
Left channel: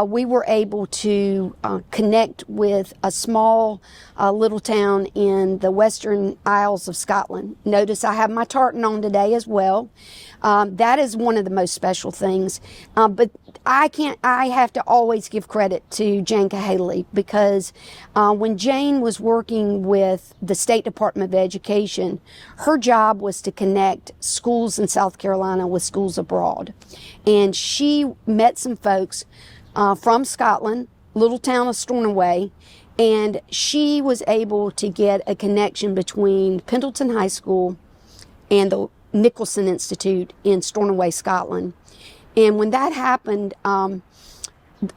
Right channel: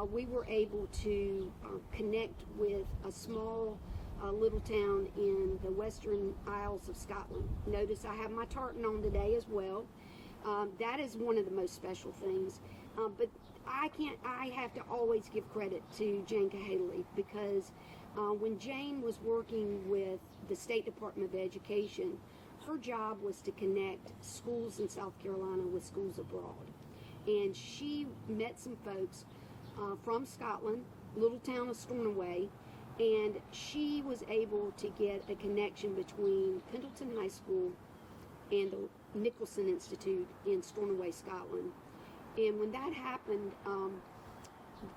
we were able to connect with a small little town in the Western Isles of Scotland. Notice I have my tartan on today as well. That is one of the most special things. But I have to always give credit to Jane Cahaley, because when Jane was working with the State Department of Education, her job was to connect schools in South Carolina with schools abroad. And she met some folks from Scotland, little town of Stornoway, and she was able to get a connection between Pendleton High School and the Nicholson Institute in Stornoway, Scotland. And when that happened,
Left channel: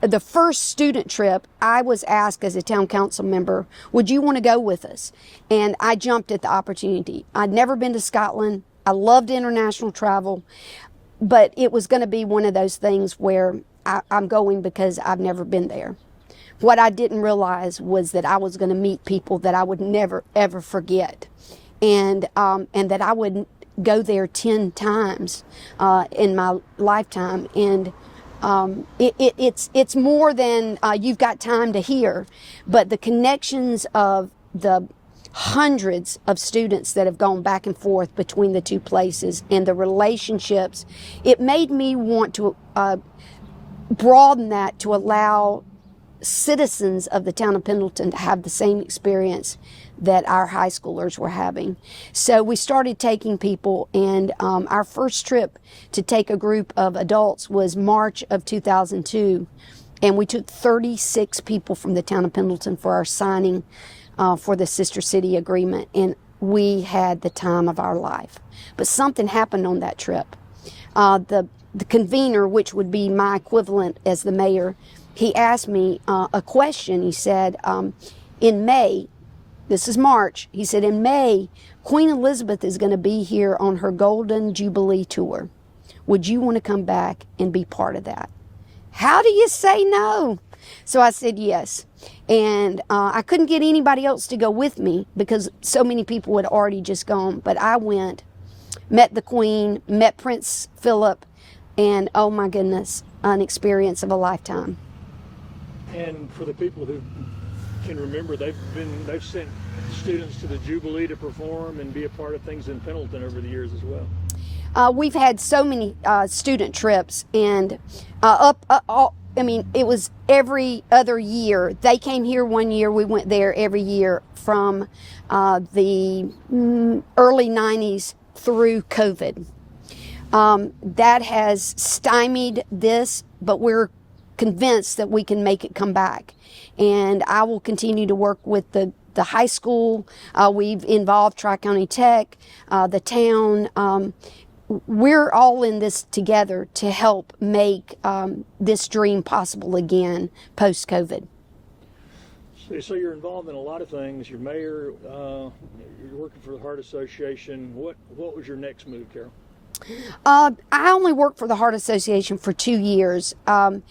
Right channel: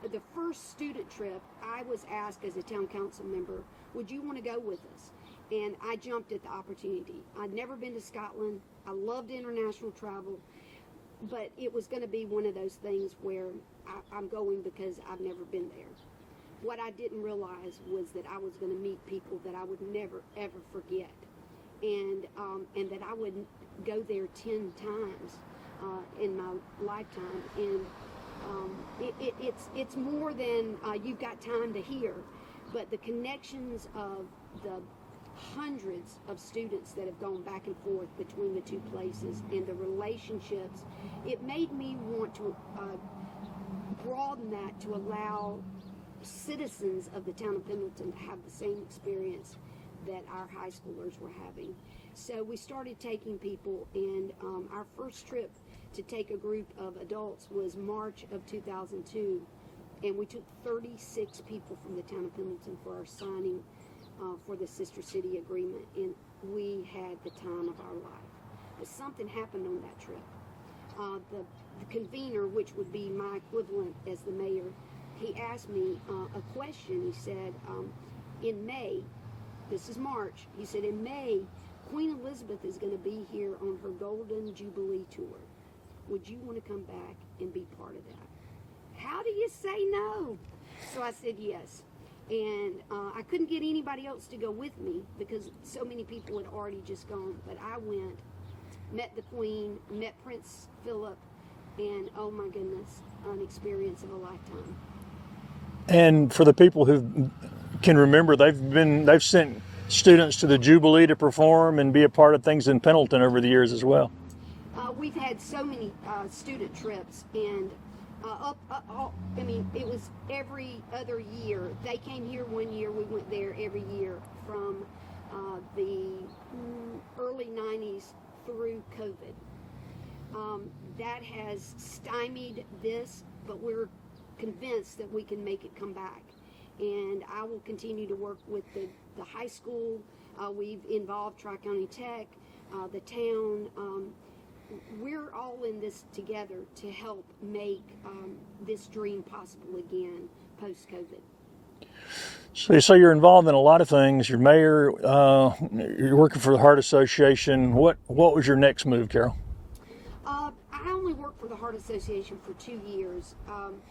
the first student trip, I was asked as a town council member, would you want to go with us? And I jumped at the opportunity. I'd never been to Scotland. I loved international travel, but it was going to be one of those things where I'm going because I've never been there. What I didn't realize was that I was going to meet people that I would never, ever forget, and that I would go there 10 times in my lifetime. And it's more than you've got time to hear, but the connections of the hundreds of students that have gone back and forth between the two places and the relationships, it made me want to broaden that to allow citizens of the town of Pendleton to have the same experience that our high schoolers were having. So we started taking people, and our first trip to take a group of adults was March of 2002. And we took 36 people from the town of Pendleton for our signing for the Sister City Agreement. And we had the time of our life. But something happened on that trip. The convener, which would be my equivalent as the mayor, he asked me a question. He said, in May, this is March, he said, in May, Queen Elizabeth is going to be here on her Golden Jubilee tour. Would you want to come back and be part of that? How do you say no? So I said yes. And I couldn't get anybody else to go with me because so many people had already just gone. But I went, met the Queen, met Prince Philip, and oh my goodness, an experience of a lifetime. And for the people who can remember, they've sent students to the Jubilee to perform and be a part of things in Pendleton over the years as well. We've had so many student trips, and it was every other year. They came here one year, we went there every year from the early 90s through COVID. That has stymied this, but we're convinced that we can make it come back. And I will continue to work with the high school. We've involved Tri-County Tech, the town. We're all in this together to help make this dream possible again post-COVID. So you're involved in a lot of things. You're mayor. You're working for the Heart Association. What was your next move, Carol? I only worked for the Heart Association for 2 years, and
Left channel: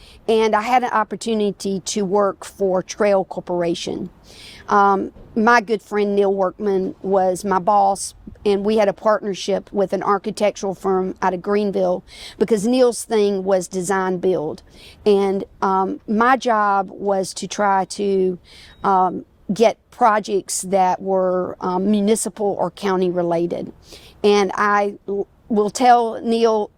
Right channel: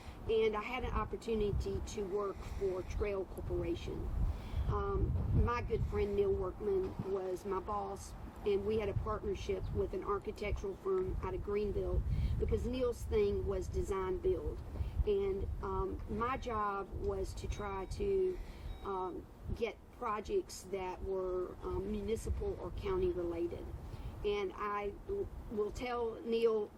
I had an opportunity to work for Trail Corporation. My good friend Neil Workman was my boss, and we had a partnership with an architectural firm out of Greenville because Neil's thing was design build. And my job was to try to get projects that were municipal or county related. And I will tell Neil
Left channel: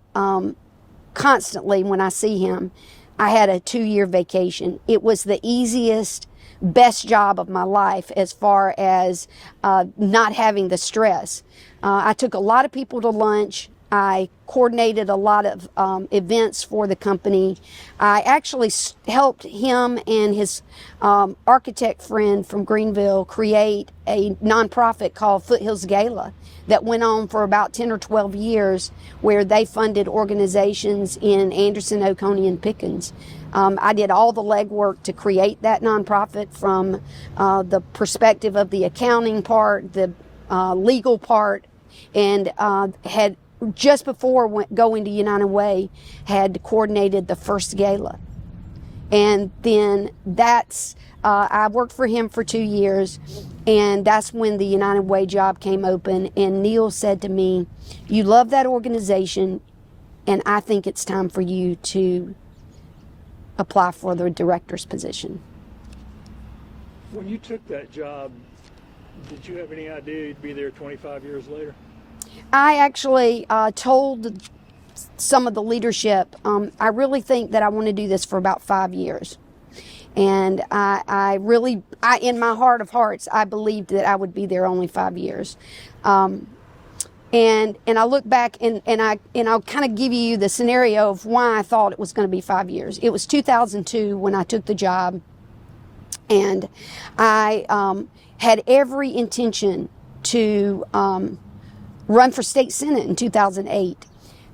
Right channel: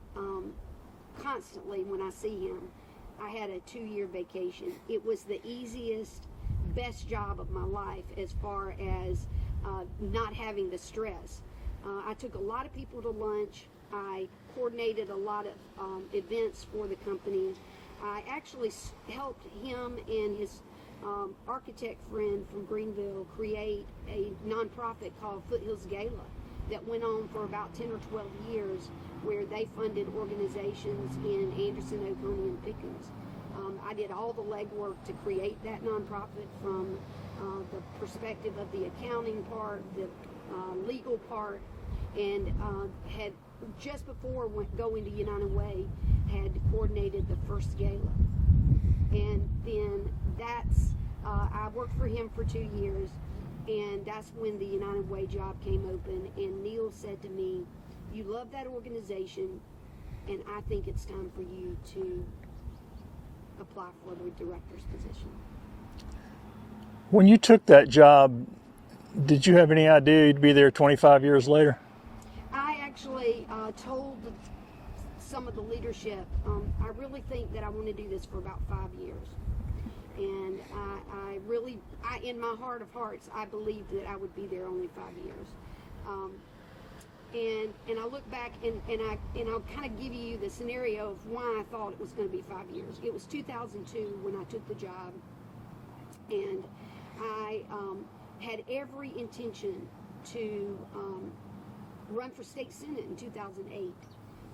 constantly when I see him, I had a 2-year vacation. It was the easiest, best job of my life as far as not having the stress. I took a lot of people to lunch. I coordinated a lot of events for the company. I actually helped him and his architect friend from Greenville create a nonprofit called Foothills Gala that went on for about 10 or 12 years, where they funded organizations in Anderson, Oconee, and Pickens. I did all the legwork to create that nonprofit from the perspective of the accounting part, the legal part, and had just before going to United Way, had coordinated the first gala. And then I worked for him for 2 years, and that's when the United Way job came open. And Neil said to me, "You love that organization, and I think it's time for you to apply for the director's position." When you took that job, did you have any idea you'd be there 25 years later? I actually told some of the leadership, I really think that I want to do this for about 5 years. And I in my heart of hearts, I believed that I would be there only 5 years. And I look back and I'll kind of give you the scenario of why I thought it was going to be 5 years. It was 2002 when I took the job, and I had every intention to run for state senate in 2008.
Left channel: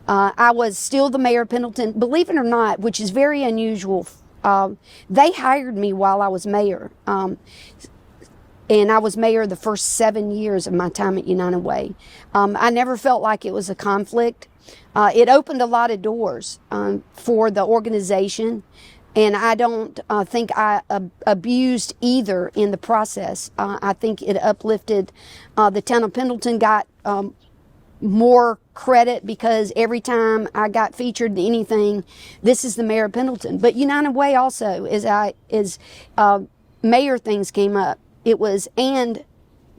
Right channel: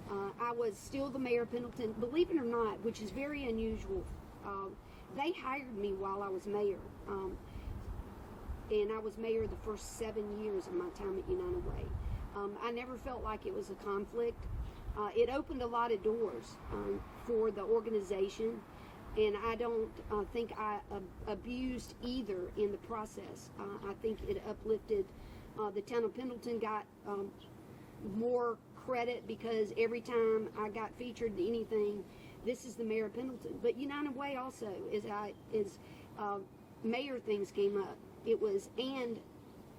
I was still the mayor of Pendleton, believe it or not, which is very unusual. They hired me while I was mayor. And I was mayor the first 7 years of my time at United Way. I never felt like it was a conflict. It opened a lot of doors for the organization, and I don't think I abused either in the process. I think it uplifted the town of Pendleton, got more credit because every time I got featured in anything, this is the mayor of Pendleton. But United Way also, as mayor things came up, it was and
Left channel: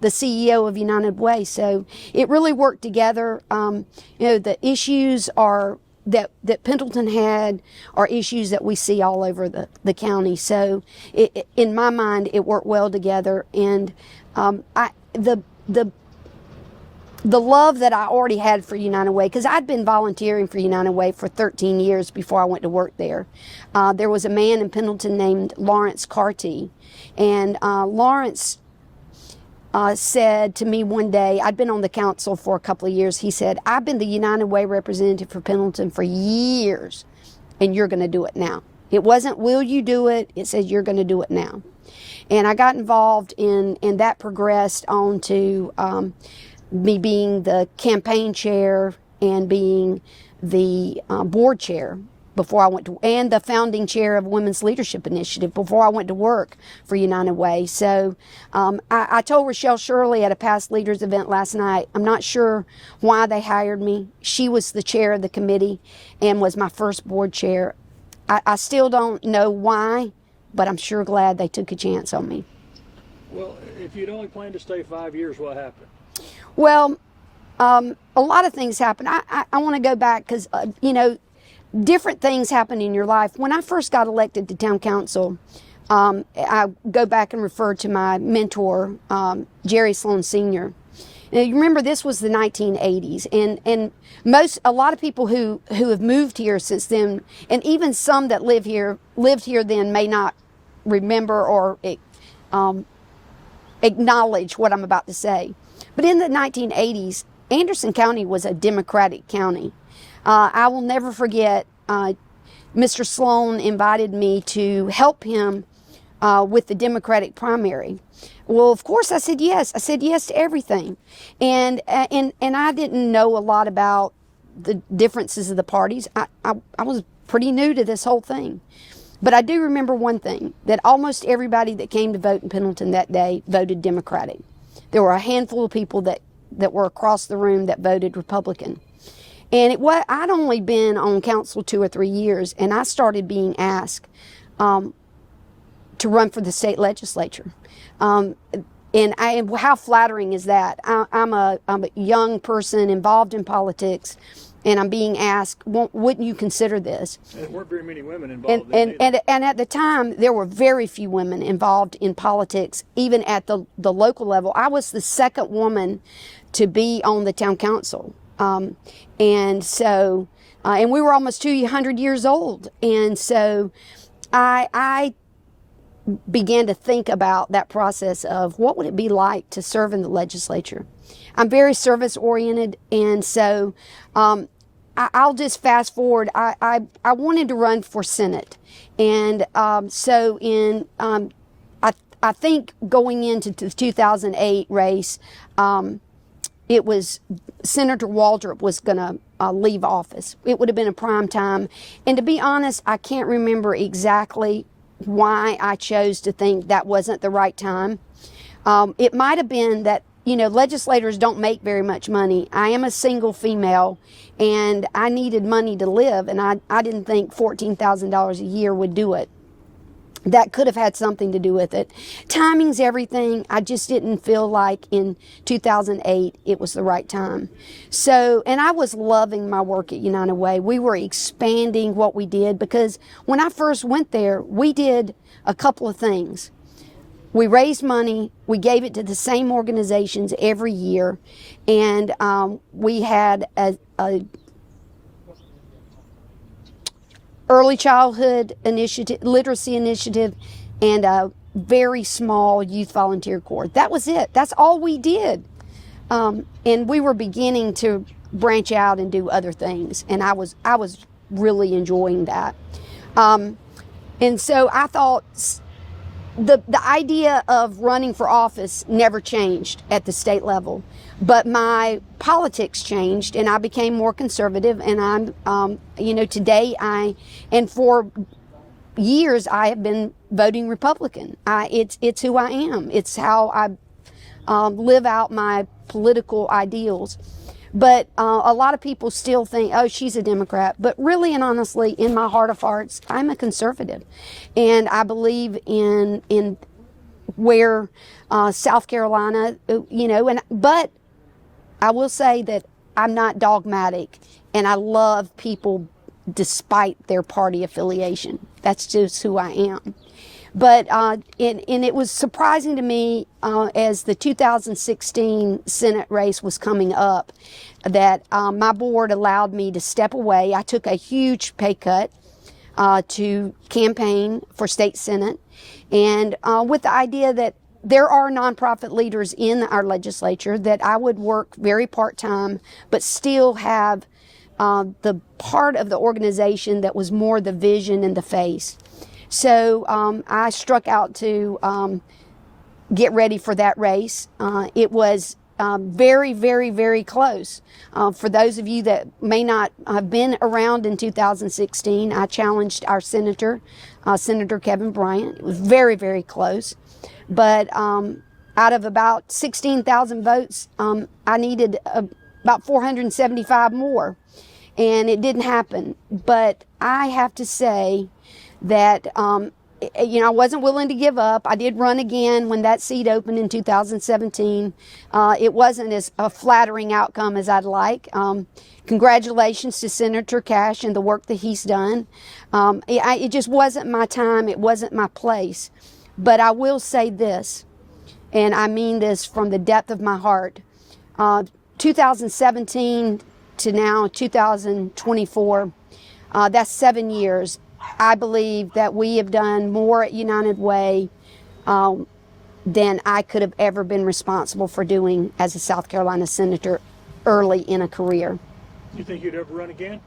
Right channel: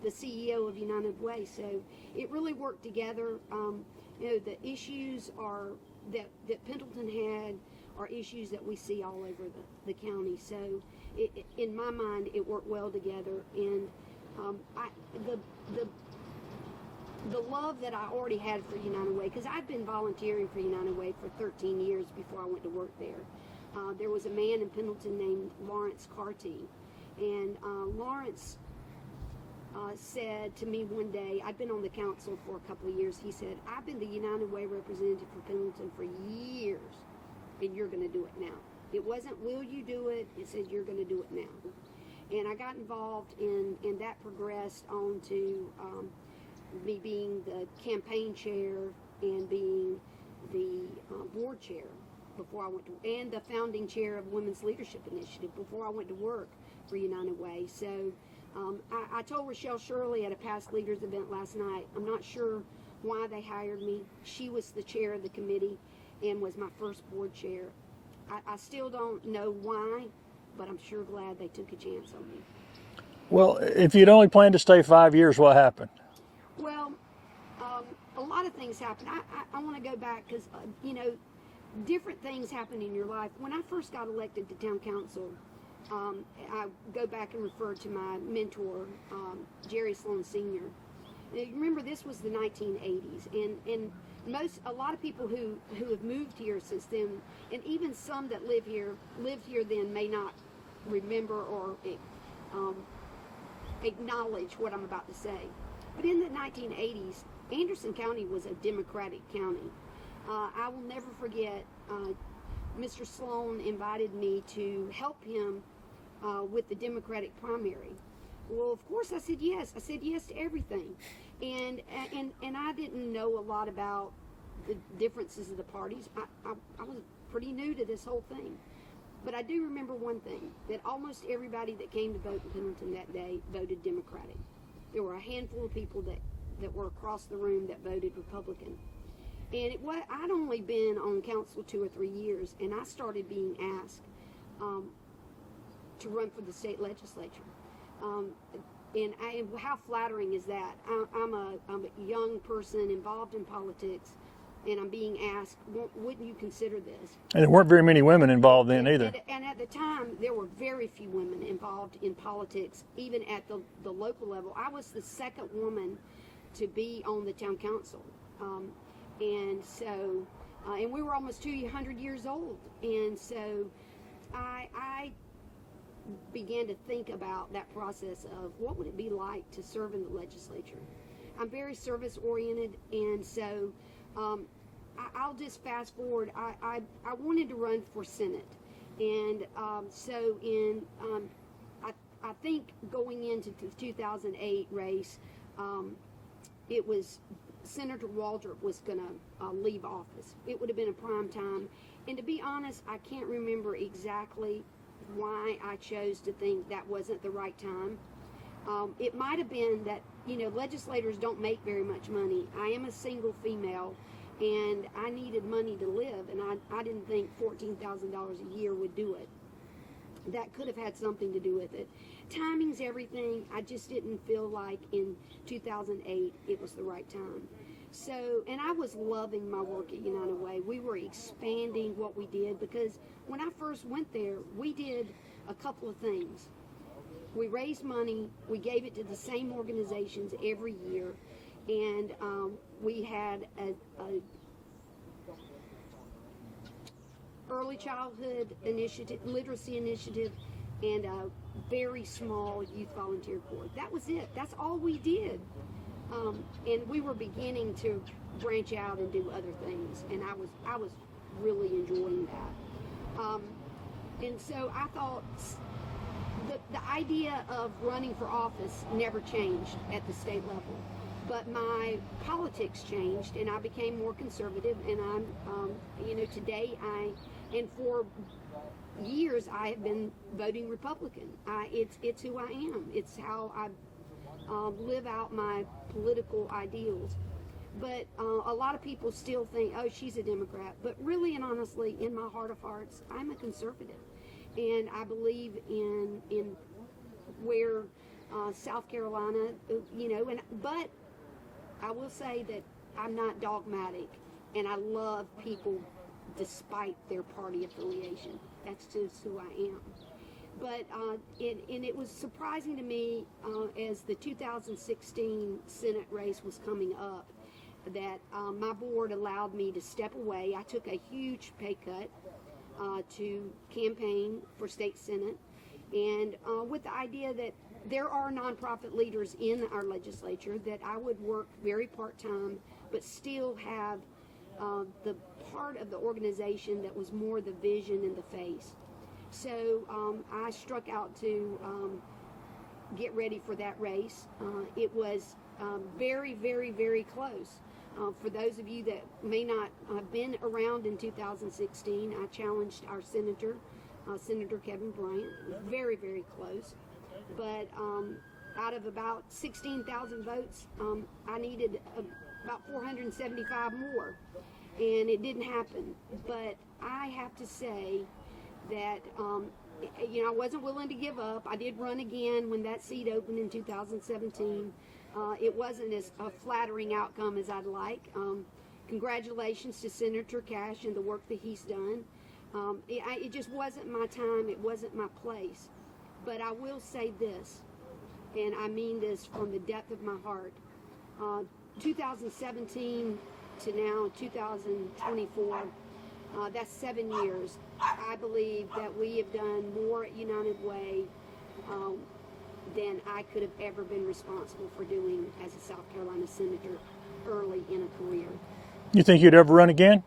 the CEO of United Way. So it really worked together. The issues that Pendleton had are issues that we see all over the county. So in my mind, it worked well together. And the the love that I already had for United Way, because I'd been volunteering for United Way for 13 years before I went to work there. There was a man in Pendleton named Lawrence Carty, and Lawrence said to me one day, I'd been on the council for a couple of years, he said, I've been the United Way representative for Pendleton for years, and you're going to do it now. It wasn't, will you do it? It says, you're going to do it now. And I got involved and that progressed on to me being the campaign chair and being the board chair before I went to, and the founding chair of Women's Leadership Initiative before I went to work for United Way. So I told Rochelle Shirley at a past leaders event last night, I'm not sure why they hired me. She was the chair of the committee and was my first board chair. I still don't know why, but I'm sure glad they took a chance on me. Well, if you'd only planned to stay 5 years, what happened? Well, a lot of things happened. I want to go back because, different things happen in your life. When I first got elected to town council, I go back and refer to my mentor, Jerry Sloan Sr. Now, you remember this was the 1980s, and a lot of people who have moved here since then, and even some that lived here then may not remember or acknowledge what I'm about to say. But in the 1980s, Anderson County was a Democratic county. I will never forget, Mr. Sloan invited me to help him with the Democratic primary. Well, of course, I said yes. I said yes to everything. And I didn't know a lot about the differences of the parties. I was pretty new to this whole thing. But I do remember one thing, that almost everybody that came to vote in Pendleton that day voted Democratic. There were a handful of people that were across the room that voted Republican. And I'd only been on council 2 or 3 years, and I started being asked to run for the state legislature. And how flattering is that? I'm a young person involved in politics, and I'm being asked, wouldn't you consider this? And there weren't very many women involved in either. And at the time, there were very few women involved in politics, even at the local level. I was the second woman to be on the town council. And so, and we were almost 200 years old. And so I began to think about that process of what would it be like to serve in the legislature. I'm very service oriented, and so I'll just fast forward. I wanted to run for Senate, and so I think going into the 2008 race, it was Senator Waldrop was going to leave office. It would have been a prime time, and to be honest, I can't remember exactly why I chose to think that wasn't the right time. It might have been that, legislators don't make very much money. I am a single female, and I needed money to live, and I didn't think $14,000 a year would do it. That could have had something to do with it. Timing's everything. I just didn't feel like in 2008 it was the right time. So, and I was loving my work at United Way. We were expanding what we did, because when I first went there, we did a couple of things. We raised money, we gave it to the same organizations every year, and we had a early childhood initiative, literacy initiative, and a very small youth volunteer corps. That was it. That's all we did. And we were beginning to branch out and do other things, and I was really enjoying that. And so I thought the idea of running for office never changed at the state level, but my politics changed, and I became more conservative. And I'm, today and for years I have been voting Republican. It's who I am. It's how I live out my political ideals. But a lot of people still think, oh, she's a Democrat. But really and honestly, in my heart of hearts, I'm a conservative. And I believe in where South Carolina, but I will say that I'm not dogmatic, and I love people despite their party affiliation. That's just who I am. But and it was surprising to me as the 2016 Senate race was coming up that my board allowed me to step away. I took a huge pay cut to campaign for state Senate, and with the idea that there are nonprofit leaders in our legislature, that I would work very part-time but still have the part of the organization that was more the vision and the face. So I struck out to get ready for that race. It was very, very, very close. For those of you that may not have been around in 2016, I challenged our senator, Senator Kevin Bryant. It was very, very close. But out of about 16,000 votes, I needed about 475 more. And it didn't happen. But I have to say that, I wasn't willing to give up. I did run again when that seat opened in 2017. It wasn't as a flattering outcome as I'd like. Congratulations to Senator Cash and the work that he's done. It just wasn't my time. It wasn't my place. But I will say this, and I mean this from the depth of my heart. 2017 to now, 2024, that's 7 years. I believe that we have done more at United Way than I could have ever been responsible for doing as a South Carolina senator early in a career. You think you'd ever run again?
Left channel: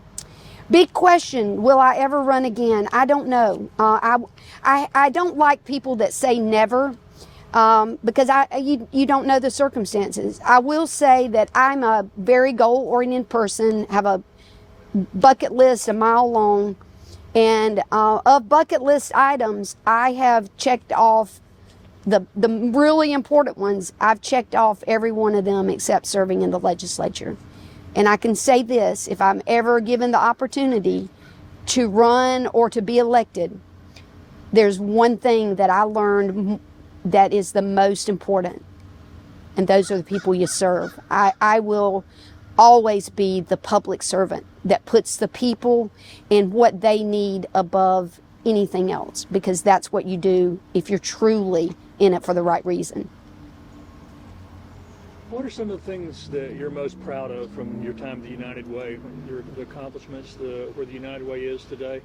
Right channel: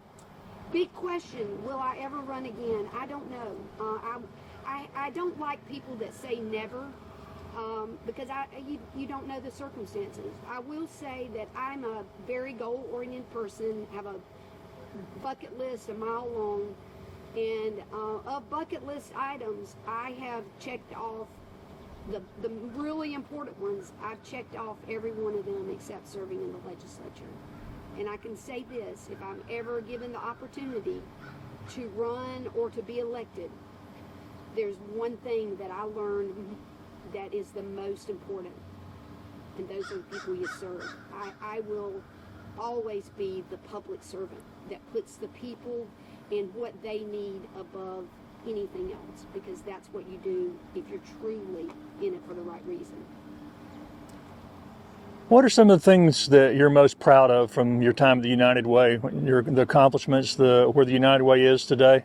Big question. Will I ever run again? I don't know. I don't like people that say never because you don't know the circumstances. I will say that I'm a very goal-oriented person, have a bucket list a mile long. And of bucket list items, I have checked off the really important ones. I've checked off every one of them except serving in the legislature. And I can say this, if I'm ever given the opportunity to run or to be elected, there's one thing that I learned that is the most important, and those are the people you serve. I will always be the public servant that puts the people and what they need above anything else, because that's what you do if you're truly in it for the right reason. What are some of the things that you're most proud of from your time at the United Way, the accomplishments, where the United Way is today?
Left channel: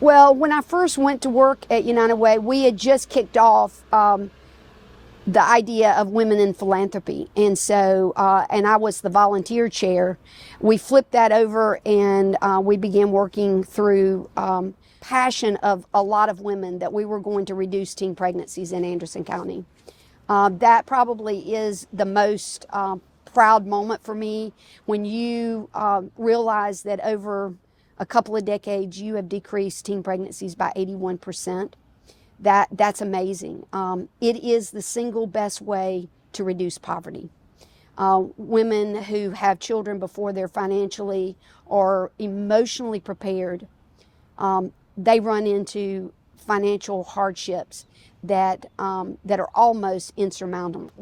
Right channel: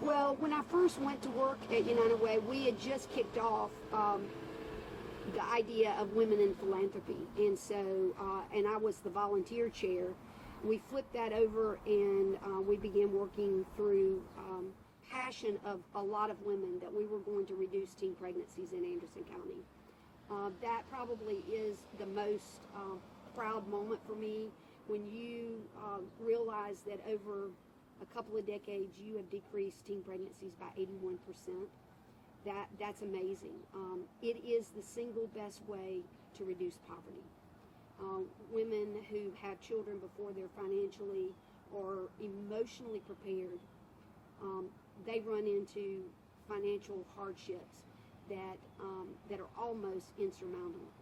Well, when I first went to work at United Way, we had just kicked off the idea of women in philanthropy. And so, and I was the volunteer chair. We flipped that over and we began working through passion of a lot of women that we were going to reduce teen pregnancies in Anderson County. That probably is the most proud moment for me, when you realize that over a couple of decades you have decreased teen pregnancies by 81%. That's amazing. It is the single best way to reduce poverty. Women who have children before they're financially or emotionally prepared, they run into financial hardships that are almost insurmountable.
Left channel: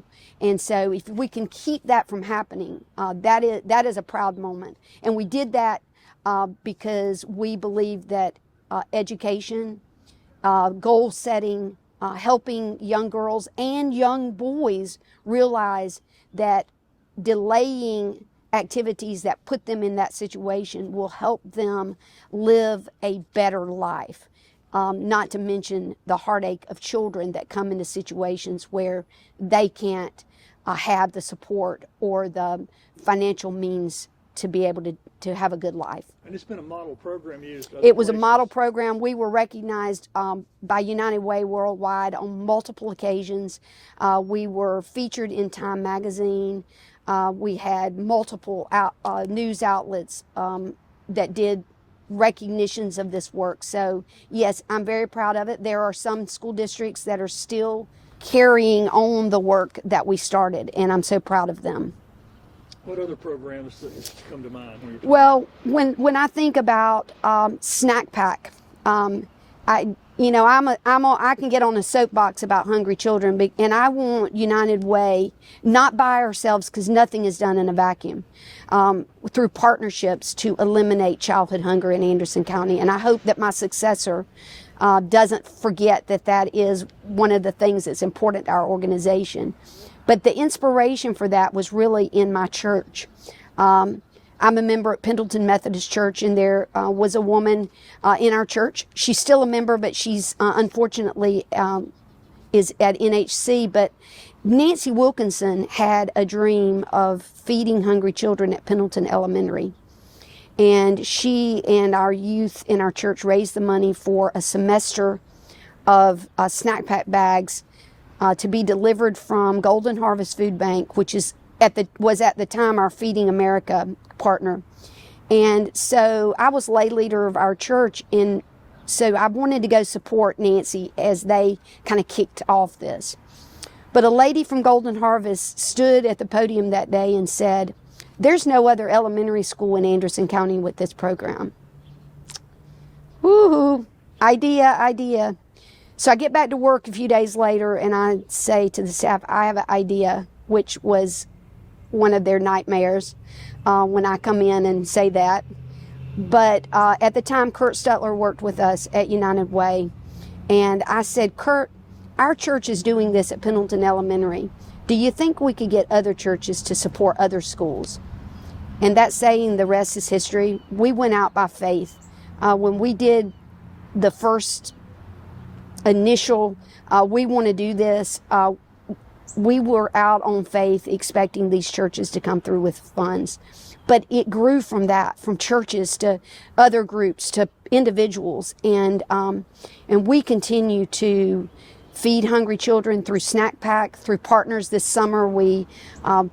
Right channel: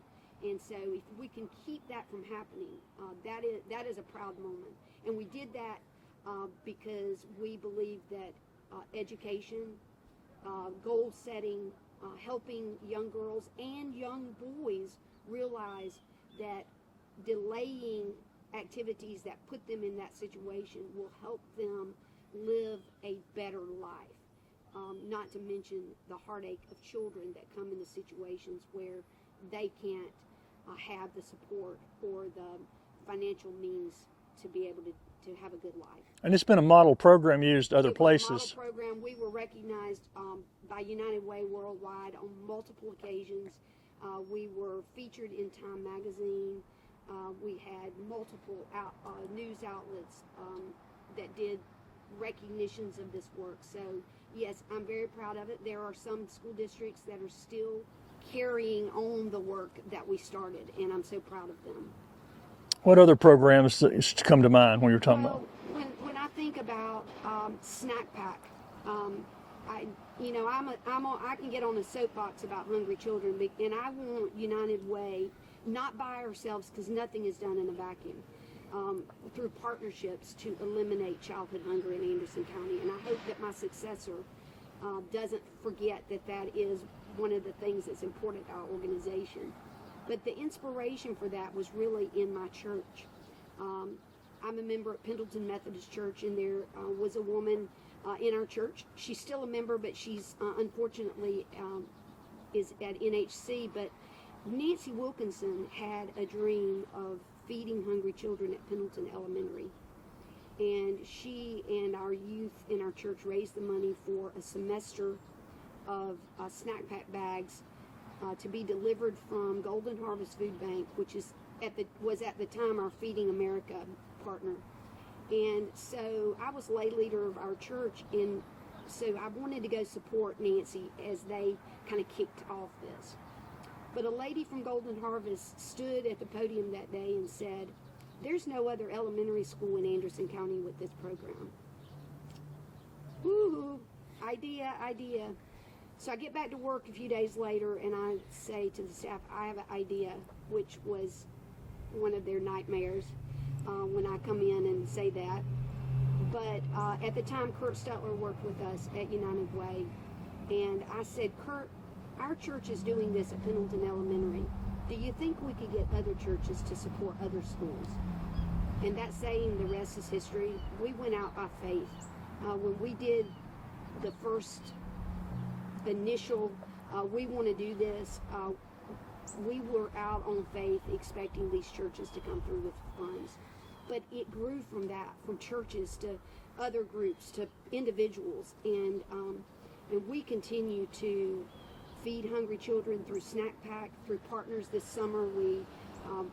And so if we can keep that from happening, that is a proud moment. And we did that because we believe that education, goal setting, helping young girls and young boys realize that delaying activities that put them in that situation will help them live a better life. Not to mention the heartache of children that come into situations where they can't have the support or the financial means to be able to have a good life. And it's been a model program used other It was places. a model program. We were recognized by United Way worldwide on multiple occasions. We were featured in Time magazine. We had multiple news outlets that did recognitions of this work. So yes, I'm very proud of it. There are some school districts that are still carrying on the work that we started, and I'm so proud of them. What other programs come to mind when you're talking about? Well, when I think about Snack Pack, I can get on a soapbox about hungry children, and I want United Way, not by ourselves, because nothing is done in a vacuum, through partnerships to eliminate childhood hunger in Anderson County. And I hope that my successor doesn't forget that that is one of the things that's important to our organization. But the inspiration for that was really in my church. I'm a member at Pendleton Methodist Church, and there was a woman in our church. She's still a member, but she's unfortunately is at NHC. But Nancy Wilkinson had a dream of feeding hungry children at Pendleton Elementary. And she and our youth in our church raised the money for a semester of snack pack bags to be delivered from Golden Harvest Food Bank, which was at the time our Feeding America partner. And so I was lay leader of our church, and so I wanted to go support Nancy as they kind of kicked off this. But a lady from Golden Harvest stood at the podium that day and said, "There's no other elementary school in Anderson County with this program." Woohoo! Idea. So I get back to work a few days later, and I say to the staff, "I have an idea," which was one of their nightmares when I come in and say that. But at the time, Kurt Stutler worked with us at United Way. And I said, "Kurt, our church is doing this at Pendleton Elementary. Do you think we could get other churches to support other schools?" And that saying, the rest is history. We went out by faith. When we did the first initial, we want to do this, we were out on faith expecting these churches to come through with funds. But it grew from that, from churches to other groups to individuals. And we continue to feed hungry children through Snack Pack, through partners. This summer we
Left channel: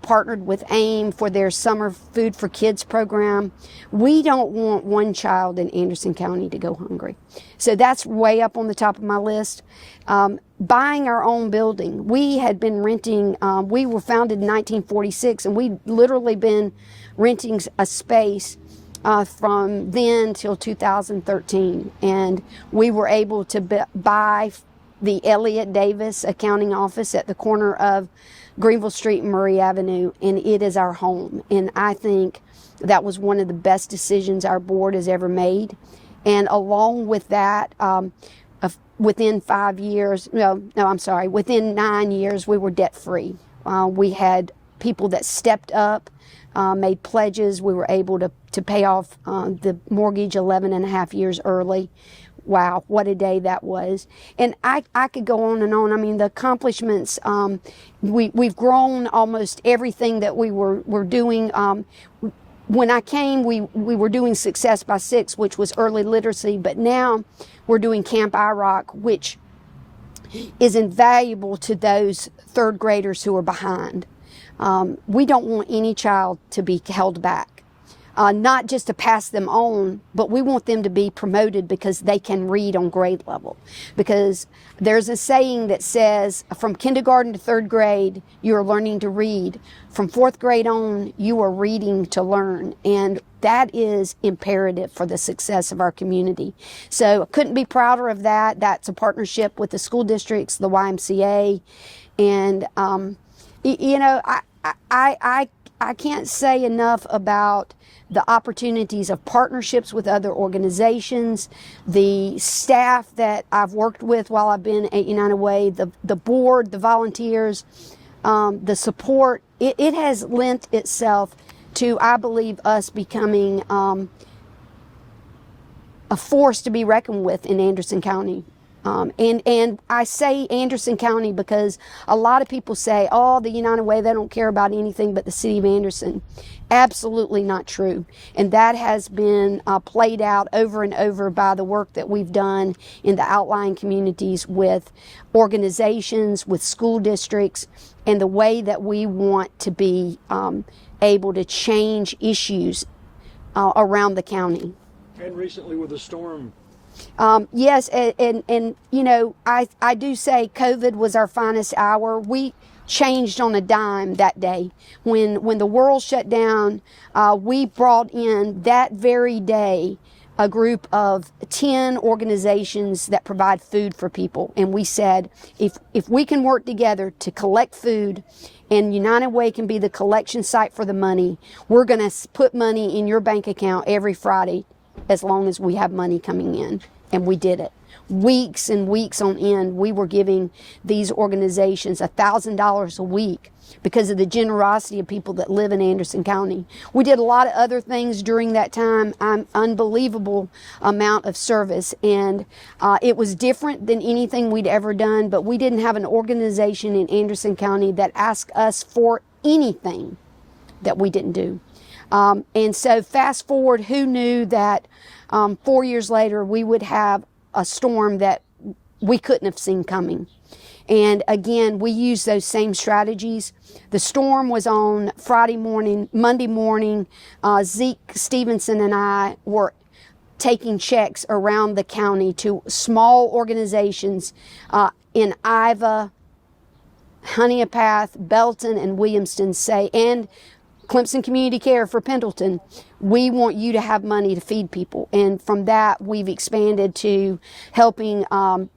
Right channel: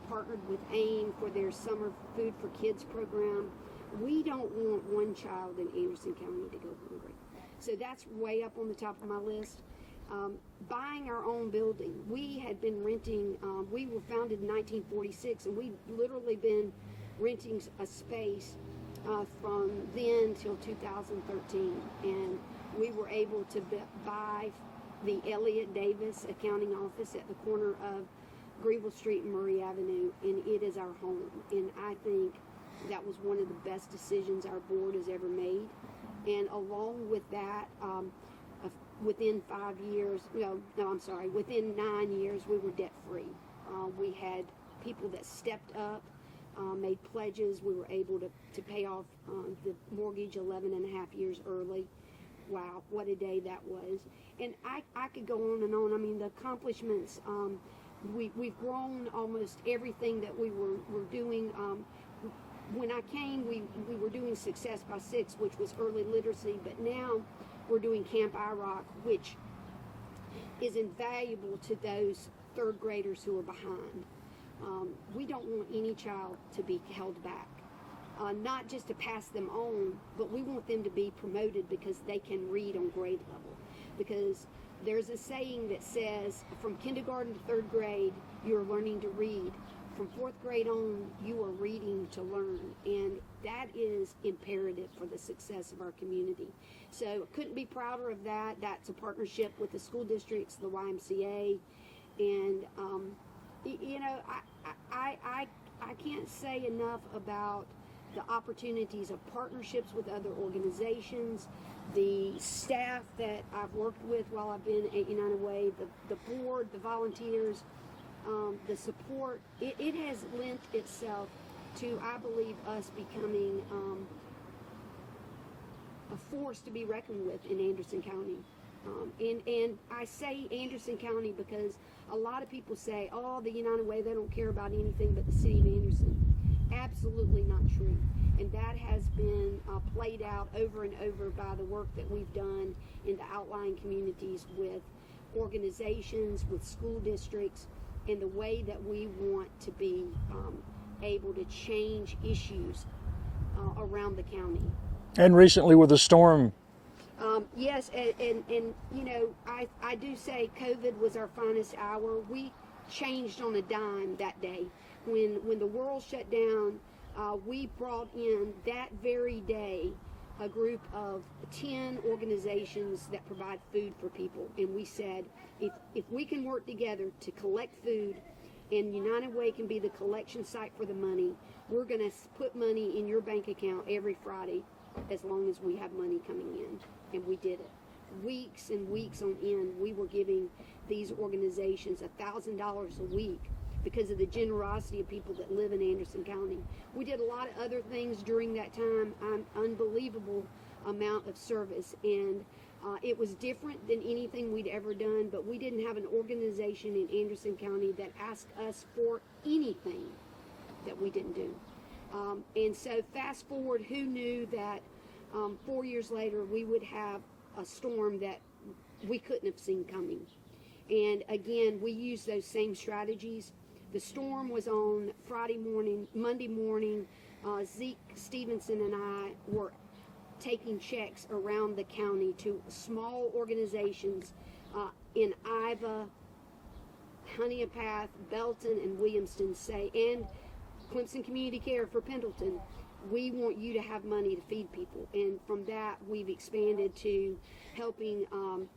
partnered with AIM for their Summer Food for Kids program. We don't want one child in Anderson County to go hungry. So that's way up on the top of my list. Buying our own building. We had been renting, we were founded in 1946, and we'd literally been renting a space from then till 2013. And we were able to buy the Elliott Davis accounting office at the corner of Greenville Street and Murray Avenue, and it is our home. And I think that was one of the best decisions our board has ever made. And along with that, within 5 years, within 9 years, we were debt free. We had people that stepped up, made pledges. We were able to pay off the mortgage 11 and a half years early. Wow, what a day that was. And I could go on and on. I mean, the accomplishments, we've grown almost everything that we were doing. When I came, we were doing Success by Six, which was early literacy, but now we're doing Camp IROC, which is invaluable to those third graders who are behind. We don't want any child to be held back. Not just to pass them on, but we want them to be promoted because they can read on grade level. Because there's a saying that says, from kindergarten to third grade, you are learning to read. From fourth grade on, you are reading to learn. And that is imperative for the success of our community. So I couldn't be prouder of that. That's a partnership with the school districts, the YMCA. And, I can't say enough about the opportunities of partnerships with other organizations, the staff that I've worked with while I've been at United Way, the board, the volunteers, the support. It has lent itself to, I believe, us becoming a force to be reckoned with in Anderson County. And I say Anderson County because a lot of people say, "Oh, the United Way, they don't care about anything but the city of Anderson." Absolutely not true. And that has been played out over and over by the work that we've done in the outlying communities with organizations, with school districts, and the way that we want to be able to change issues around the county. And recently with the storm. Yes, and I do say COVID was our finest hour. We changed on a dime that day. When the world shut down, we brought in that very day a group of 10 organizations that provide food for people. And we said, if we can work together to collect food, and United Way can be the collection site for the money, we're going to put money in your bank account every Friday as long as we have money coming in. And we did it. weeks and weeks on end, we were giving these organizations $1,000 a week because of the generosity of people that live in Anderson County. We did a lot of other things during that time, unbelievable amount of service, and it was different than anything we'd ever done, but we didn't have an organization in Anderson County that asked us for anything that we didn't do. And so fast forward, who knew that 4 years later we would have a storm that we couldn't have seen coming. And again, we used those same strategies. The storm was on Friday morning. Monday morning, Zeke Stevenson and I were taking checks around the county to small organizations in Iva, Honeypath, Belton, and Williamston, and Clemson Community Care for Pendleton. We want you to have money to feed people. And from that, we've expanded to helping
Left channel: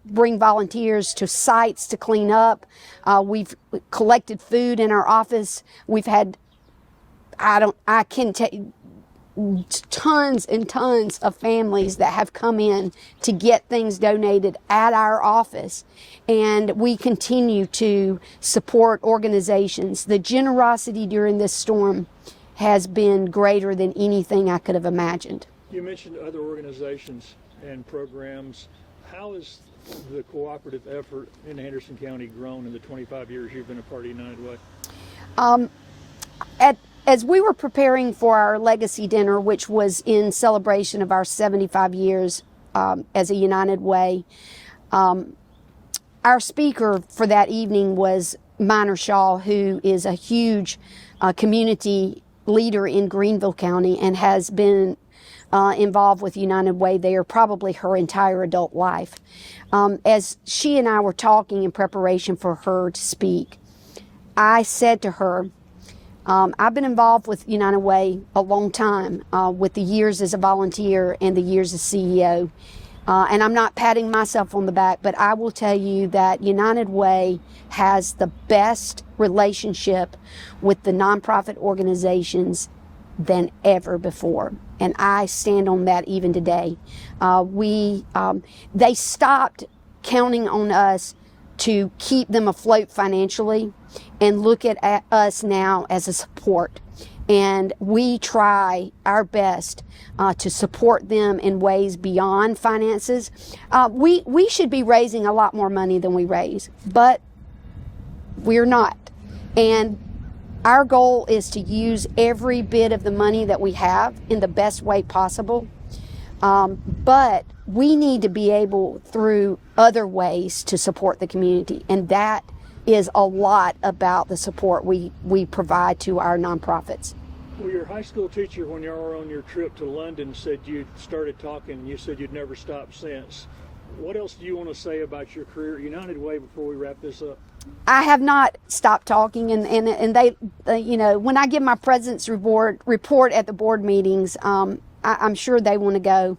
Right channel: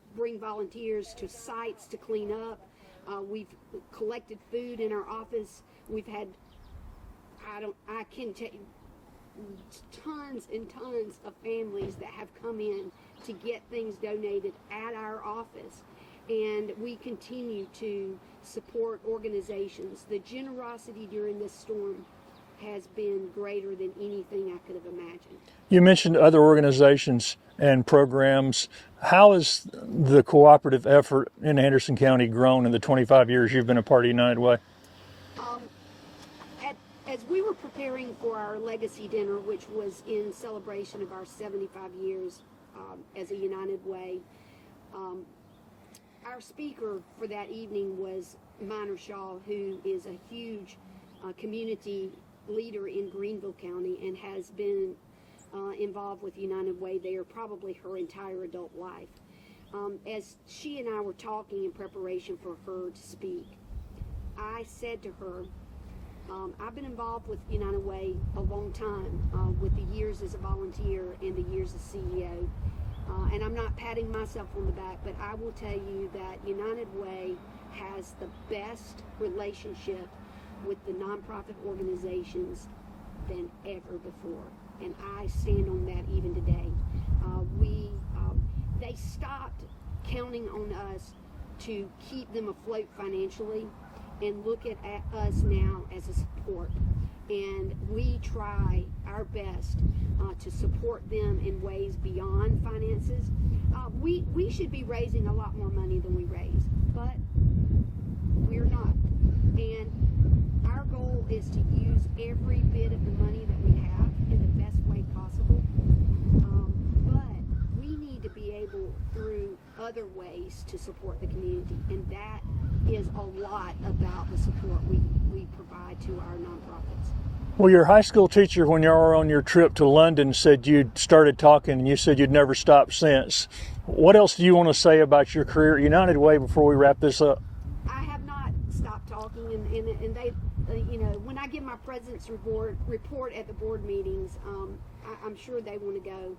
bring volunteers to sites to clean up. We've collected food in our office. We've had, I can tell you, tons and tons of families that have come in to get things donated at our office. And we continue to support organizations. The generosity during this storm has been greater than anything I could have imagined. You mentioned other organizations and programs. How has the cooperative effort in Anderson County grown in the 25 years you've been a part of United Way? As we were preparing for our legacy dinner, which was in celebration of our 75 years as a United Way, our speaker for that evening was Minor Shaw, who is a huge community leader in Greenville County and has been involved with United Way there probably her entire adult life. As she and I were talking in preparation for her to speak, I said to her, I've been involved with United Way a long time, with the years as a volunteer and the years as CEO. And I'm not patting myself on the back, but I will tell you that United Way has the best relationship with the nonprofit organizations than ever before. And I stand on that even today. They stopped counting on us to keep them afloat financially and look at us now as a support. And we try our best to support them in ways beyond finances. We should be raising a lot more money than we raise, but we're not. And our goal is to use every bit of the money that we have in the best way possible. But we need to be able, through other ways, to support the community. And that is a lot about the support we provide to our nonprofits. Well, your high school teacher, when you were on your trip to London, said you'd started talking and you said you'd never stopped since. What else do you want to say about your career at United Way before we wrap this up? I have not stopped talking, and they when I give my president's report at the board meetings, I'm sure they want to go,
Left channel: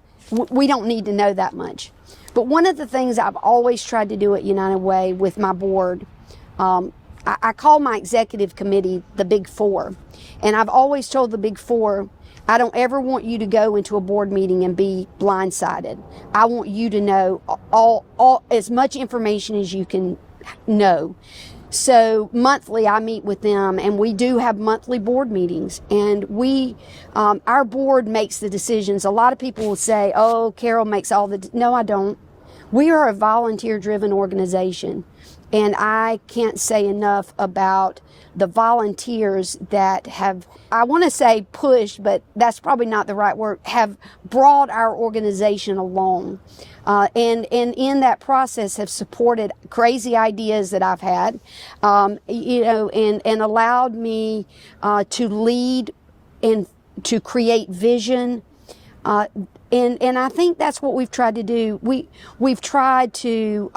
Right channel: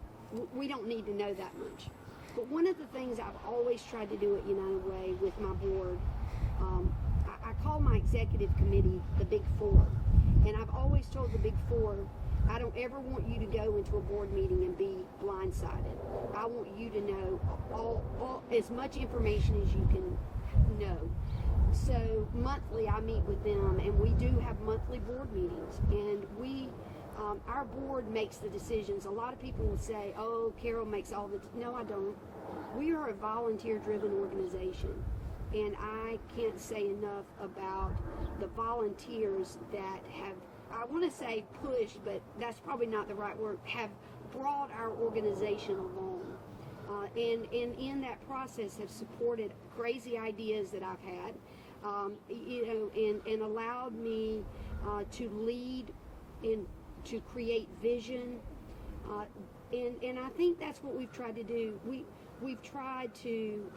we don't need to know that much. But one of the things I've always tried to do at United Way with my board, I call my executive committee the Big Four. And I've always told the Big Four, I don't ever want you to go into a board meeting and be blindsided. I want you to know all as much information as you can know. So monthly I meet with them, and we do have monthly board meetings, and our board makes the decisions. A lot of people will say, oh, Carol makes all the, no, I don't. We are a volunteer-driven organization, and I can't say enough about the volunteers that have, I want to say pushed, but that's probably not the right word, have brought our organization along. And in that process have supported crazy ideas that I've had, and allowed me to lead and to create vision. And I think that's what we've tried to do. We've tried to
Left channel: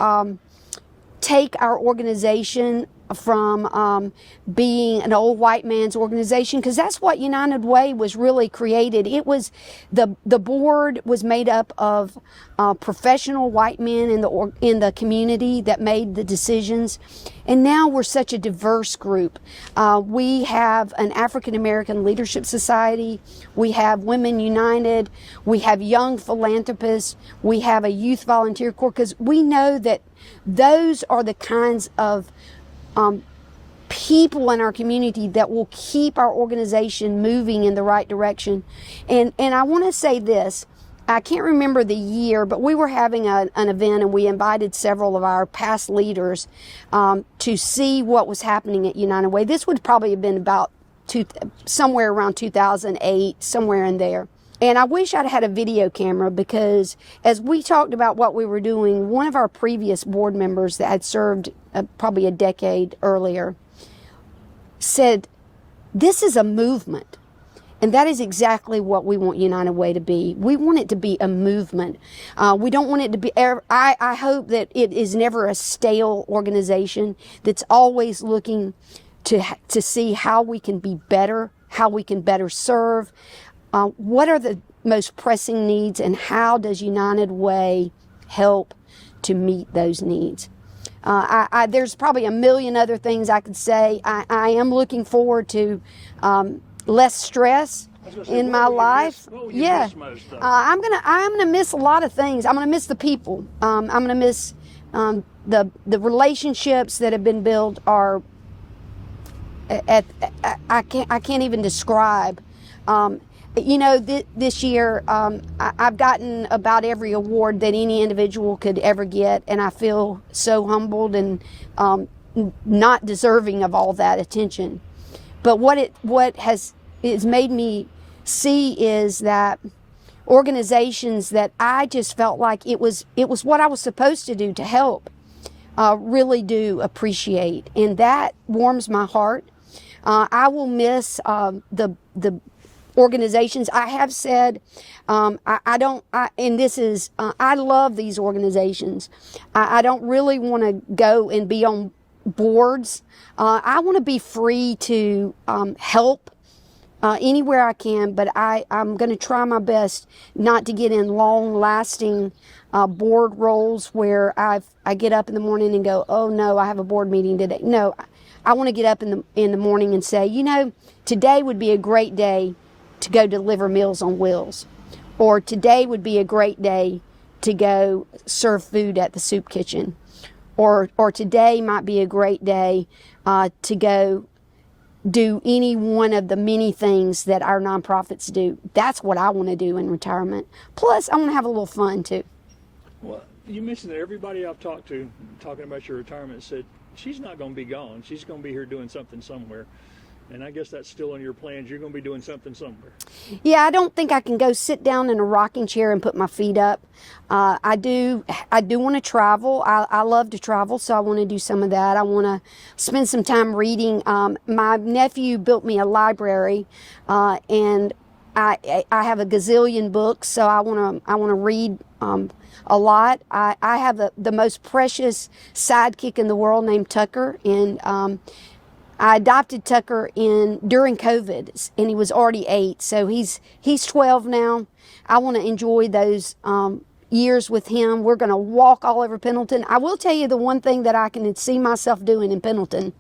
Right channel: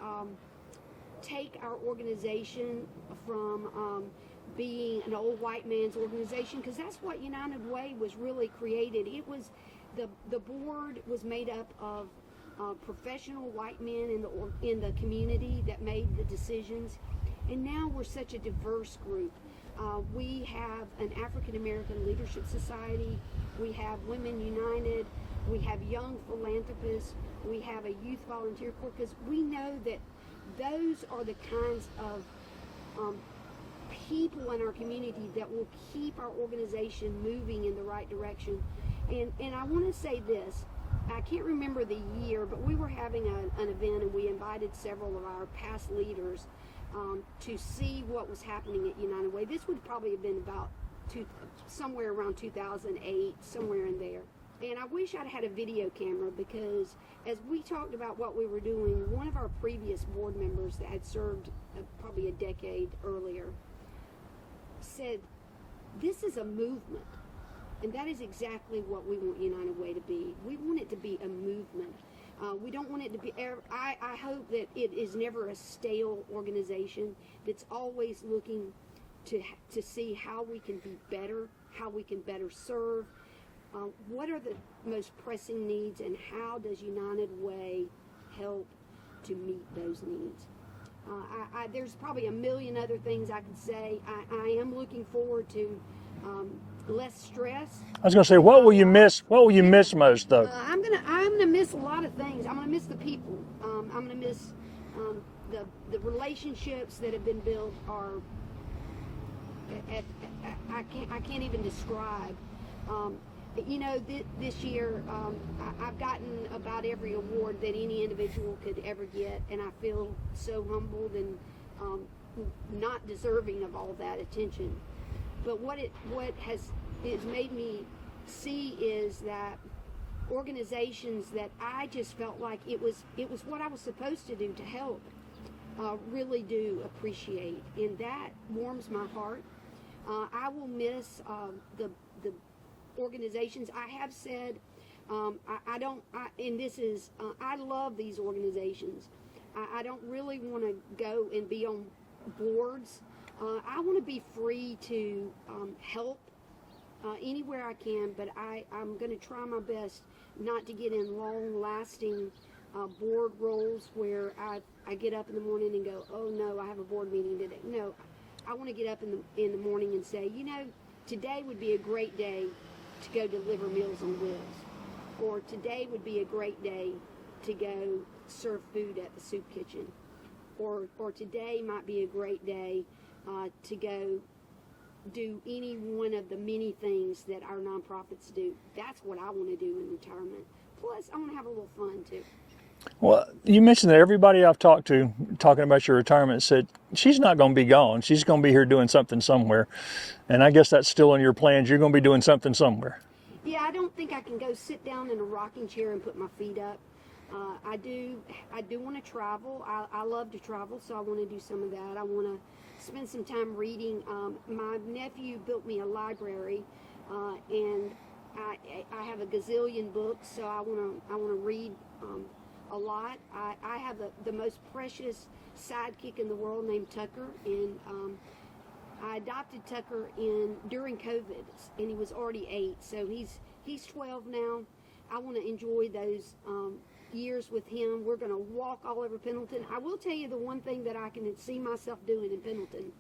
take our organization from being an old white man's organization, because that's what United Way was really created. It was the board was made up of professional white men in the community that made the decisions, and now we're such a diverse group. We have an African American Leadership Society, we have Women United, we have young philanthropists, we have a youth volunteer corps, because we know that those are the kinds of people in our community that will keep our organization moving in the right direction. And I want to say this, I can't remember the year, but we were having an event, and we invited several of our past leaders to see what was happening at United Way. This would probably have been about somewhere around 2008, somewhere in there. And I wish I'd had a video camera, because as we talked about what we were doing, one of our previous board members that had served probably a decade earlier said, this is a movement. And that is exactly what we want United Way to be. We want it to be a movement. We don't want it to be, I hope that it is never a stale organization that's always looking to see how we can be better, how we can better serve. What are the most pressing needs, and how does United Way help to meet those needs? There's probably a million other things I could say. I am looking forward to less stress. I was going to say, what will you miss? What will you miss most, though? I'm gonna miss a lot of things. I'm gonna miss the people. I'm gonna miss the relationships that have been built. Are I can't even describe. This year, I've gotten about every award that any individual could ever get, and I feel so humbled and not deserving of all that attention. But what has made me see is that organizations that I just felt like it was what I was supposed to do to help, really do appreciate, and that warms my heart. I will miss the organizations. I have said, I love these organizations. I don't really want to go and be on boards. I want to be free to help anywhere I can, but I'm going to try my best not to get in long-lasting board roles where I get up in the morning and go, oh no, I have a board meeting today. No, I want to get up in the morning and say, today would be a great day to go deliver Meals on Wheels, or today would be a great day to go serve food at the soup kitchen, or today might be a great day to go do any one of the many things that our nonprofits do. That's what I want to do in retirement. Plus, I want to have a little fun too. Well, you mentioned that everybody I've talked to, talking about your retirement, said she's not going to be gone. She's going to be here doing something somewhere. And I guess that's still in your plans. You're going to be doing something somewhere. Yeah, I don't think I can go sit down in a rocking chair and put my feet up. I do want to travel. I love to travel, so I want to do some of that. I want to spend some time reading. My nephew built me a library, and I have a gazillion books, so I want to read a lot. I have the most precious sidekick in the world named Tucker, and I adopted Tucker during COVID, and he was already 8, so he's 12 now. I want to enjoy those years with him. We're going to walk all over Pendleton. I will tell you the one thing that I can see myself doing in Pendleton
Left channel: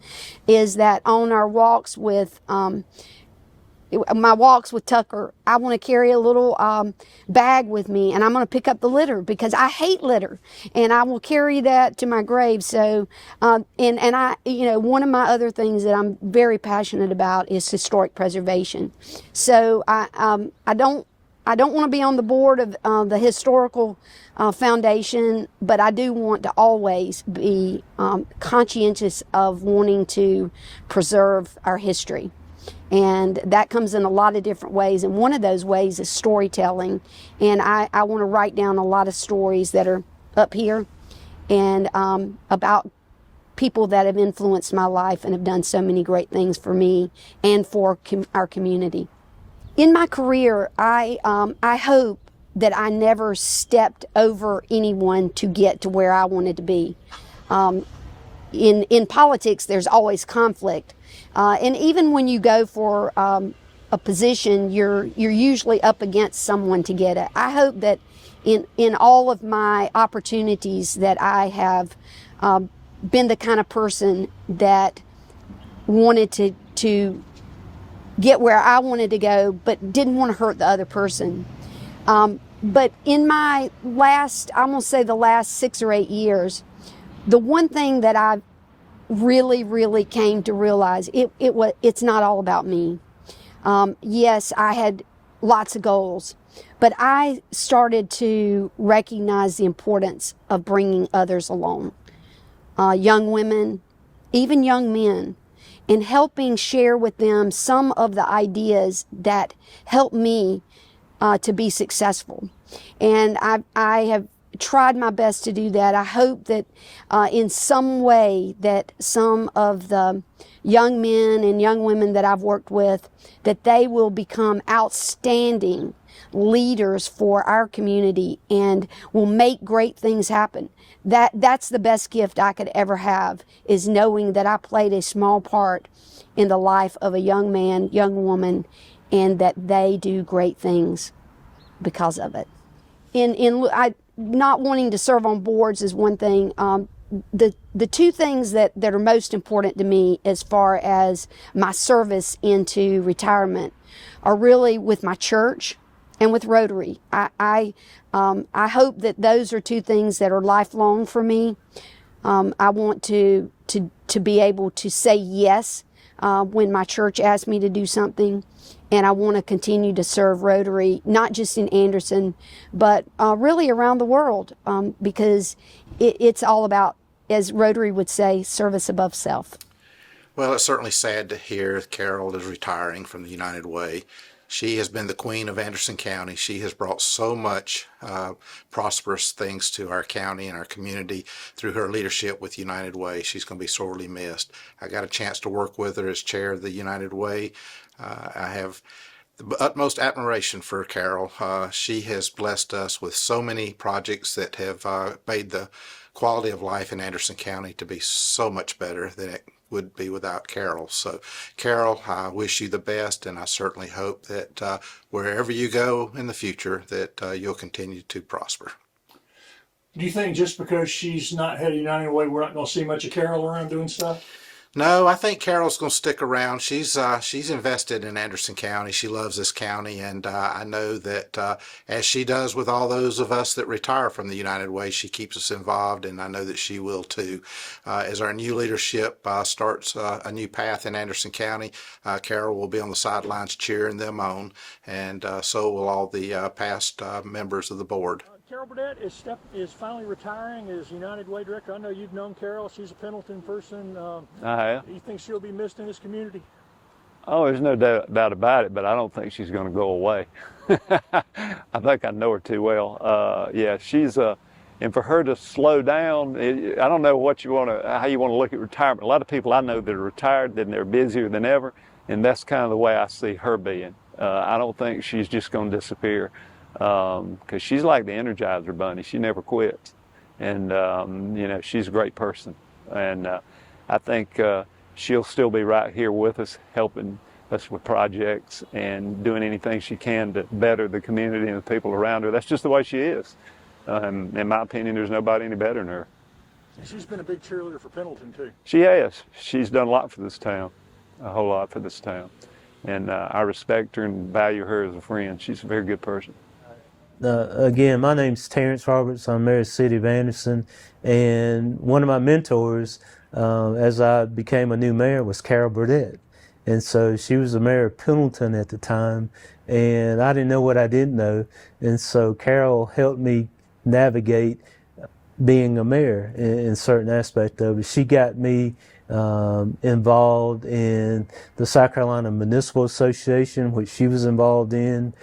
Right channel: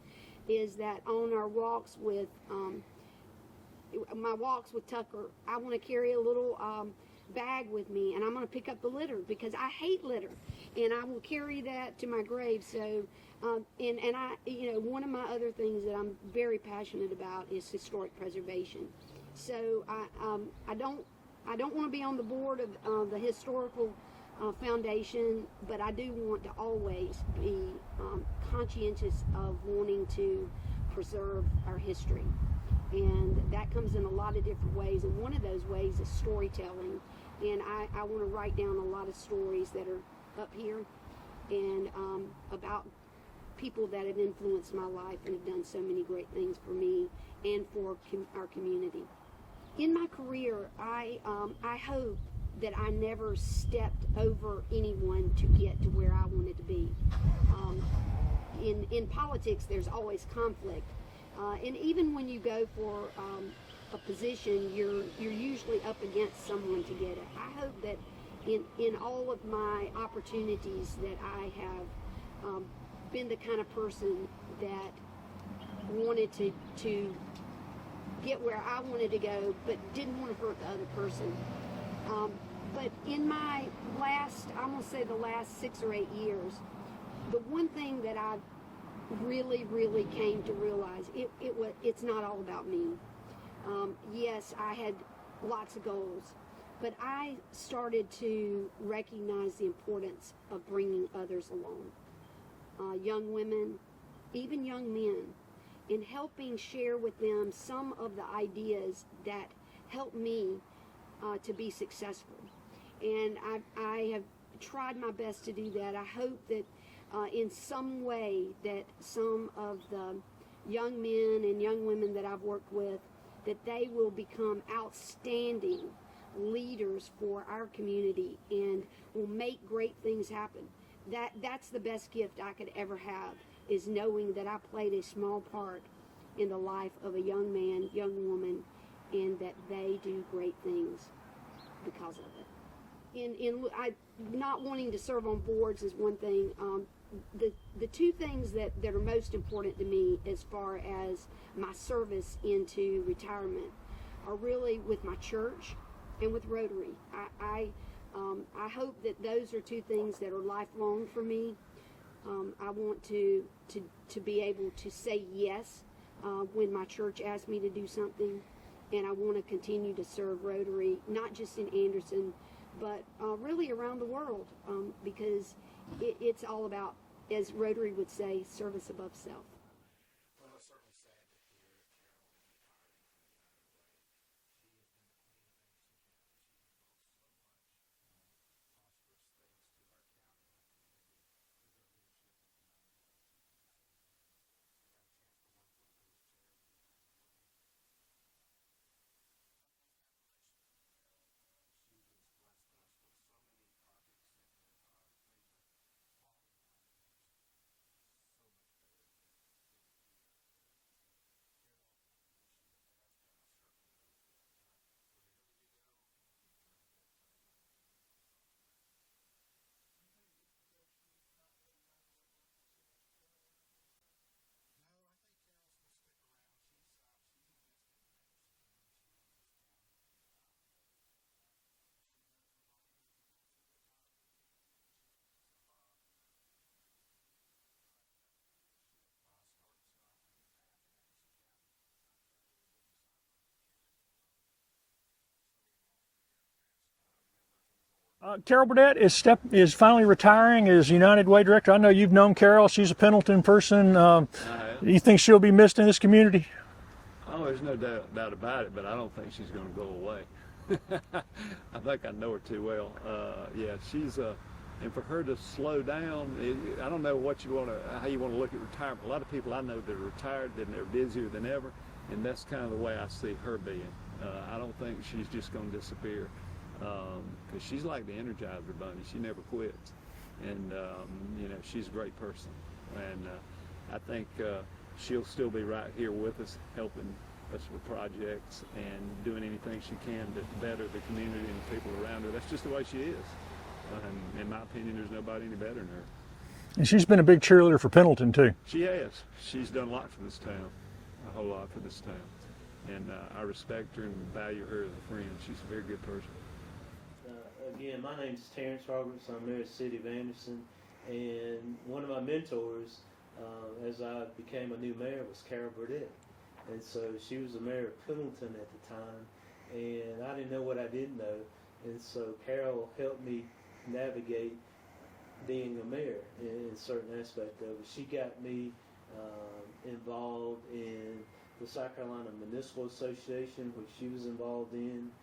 is that on our walks with Tucker, I want to carry a little bag with me, and I'm going to pick up the litter because I hate litter, and I will carry that to my grave. So, and I, one of my other things that I'm very passionate about is historic preservation. So I don't want to be on the board of the historical foundation, but I do want to always be conscientious of wanting to preserve our history. And that comes in a lot of different ways. And one of those ways is storytelling. And I want to write down a lot of stories that are up here and about people that have influenced my life and have done so many great things for me and for our community. In my career, I hope that I never stepped over anyone to get to where I wanted to be. in politics, there's always conflict, and even when you go for a position, you're usually up against someone to get it. I hope that in all of my opportunities that I have been the kind of person that wanted to get where I wanted to go, but didn't want to hurt the other person. But in my last, I'm gonna say the last 6 or 8 years, the one thing that I really came to realize, it's not all about me. Yes, I had lots of goals, but I started to recognize the importance of bringing others along, young women, even young men, and helping share with them some of the ideas that helped me to be successful. And I have tried my best to do that. I hope that in some way that some of the young men and young women that I've worked with, that they will become outstanding leaders for our community and will make great things happen. That's the best gift I could ever have, is knowing that I played a small part in the life of a young man, young woman, and that they do great things because of it. Not wanting to serve on boards is one thing. The two things that are most important to me as far as my service into retirement are really with my church and with Rotary. I hope that those are two things that are lifelong for me. I want to be able to say yes when my church asks me to do something, and I want to continue to serve Rotary, not just in Anderson, but really around the world, because it's all about, as Rotary would say, service above self. Well, it's certainly sad to hear Carol is retiring from the United Way. She has been the queen of Anderson County. She has brought so much prosperous things to our county and our community through her leadership with United Way. She's going to be sorely missed. I got a chance to work with her as chair of the United Way. I have the utmost admiration for Carol. She has blessed us with so many projects that have made the quality of life in Anderson County to be so much better than it would be without Carol. So Carol, I wish you the best, and I certainly hope that wherever you go in the future that you'll continue to prosper. Do you think just because she's not head of United Way, we're not going to see much of Carol around doing stuff? No, I think Carol's going to stick around. She's invested in Anderson County. She loves this county, and I know that as she does with all those of us that retire from the United Way, she keeps us involved, and I know that she will too. As our new leadership starts a new path in Anderson County, Carol will be on the sidelines cheering them on, and so will all the past members of the board. Carol Burdette is finally retiring as United Way director. I know you've known Carol. She's a Pendleton person. You think she'll be missed in this community? Oh, there's no doubt about it, but I don't think she's going to go away. I think I know her too well. Yeah, she's and for her to slow down, I don't know how you want to look at retirement. A lot of people I know that are retired, then they're busier than ever, and that's kind of the way I see her being. I don't think she's just going to disappear, because she's like the Energizer Bunny. She never quits, and she's a great person, and I think she'll still be right here with us, helping us with projects and doing anything she can to better the community and the people around her. That's just the way she is. In my opinion, there's nobody any better than her. And she's been a big cheerleader for Pendleton too. She has. She's done a lot for this town, a whole lot for this town. And I respect her and value her as a friend. She's a very good person. Again, my name's Terrence Roberts. I'm mayor of the city of Anderson. And one of my mentors as I became a new mayor was Carol Burdette. And so she was the mayor of Pendleton at the time, and I didn't know what I didn't know. And so Carol helped me navigate being a mayor in certain aspect of it. She got me involved in the South Carolina Municipal Association, which she was involved in,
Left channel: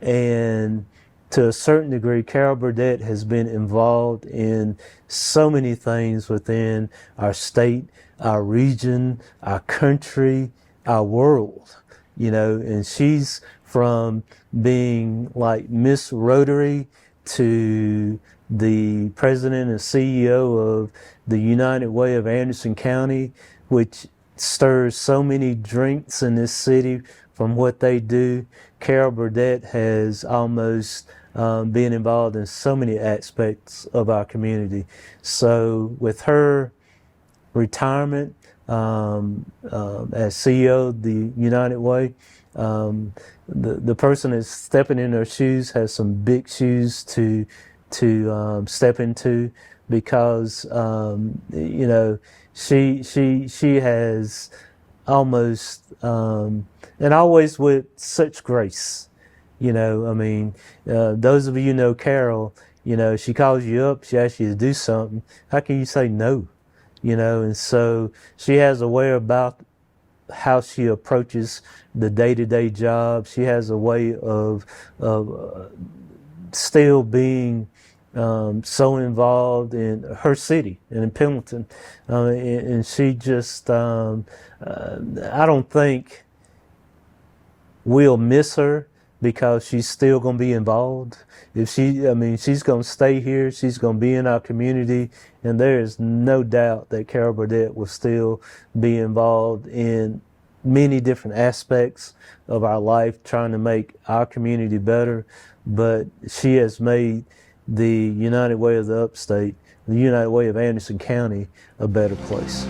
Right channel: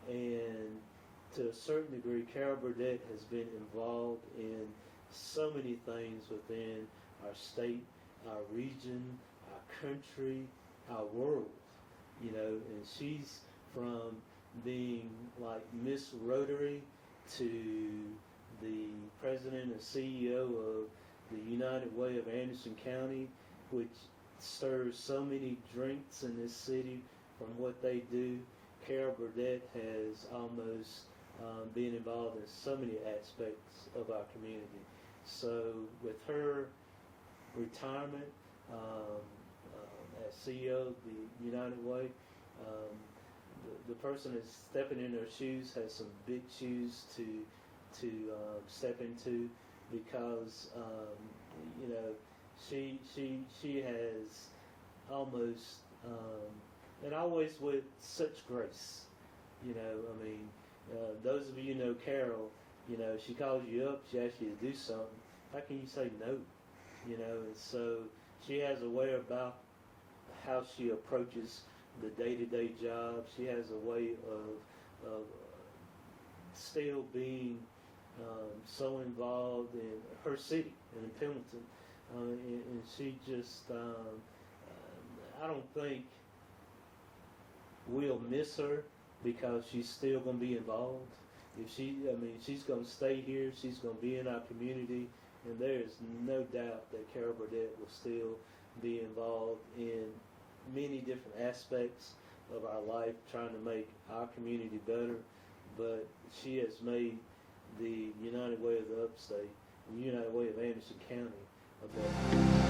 and to a certain degree, Carol Burdette has been involved in so many things within our state, our region, our country, our world, and she's from being like Miss Rotary to the president and CEO of the United Way of Anderson County, which stirs so many drinks in this city from what they do. Carol Burdette has almost been involved in so many aspects of our community. So with her retirement as CEO of the United Way, the person that's stepping in her shoes has some big shoes to step into, because you know, she has almost and always with such grace. You know, I mean, those of you who know Carol, you know, she calls you up, she asks you to do something. How can you say no? You know, and so she has a way about how she approaches the day-to-day job. She has a way of still being so involved in her city and in Pendleton, and she just I don't think we'll miss her, because she's still going to be involved. If she, I mean, she's going to stay here, she's going to be in our community, and there is no doubt that Carol Burdette will still be involved in many different aspects of our life, trying to make our community better. But she has made the United Way of the Upstate, the United Way of Anderson County, a better place.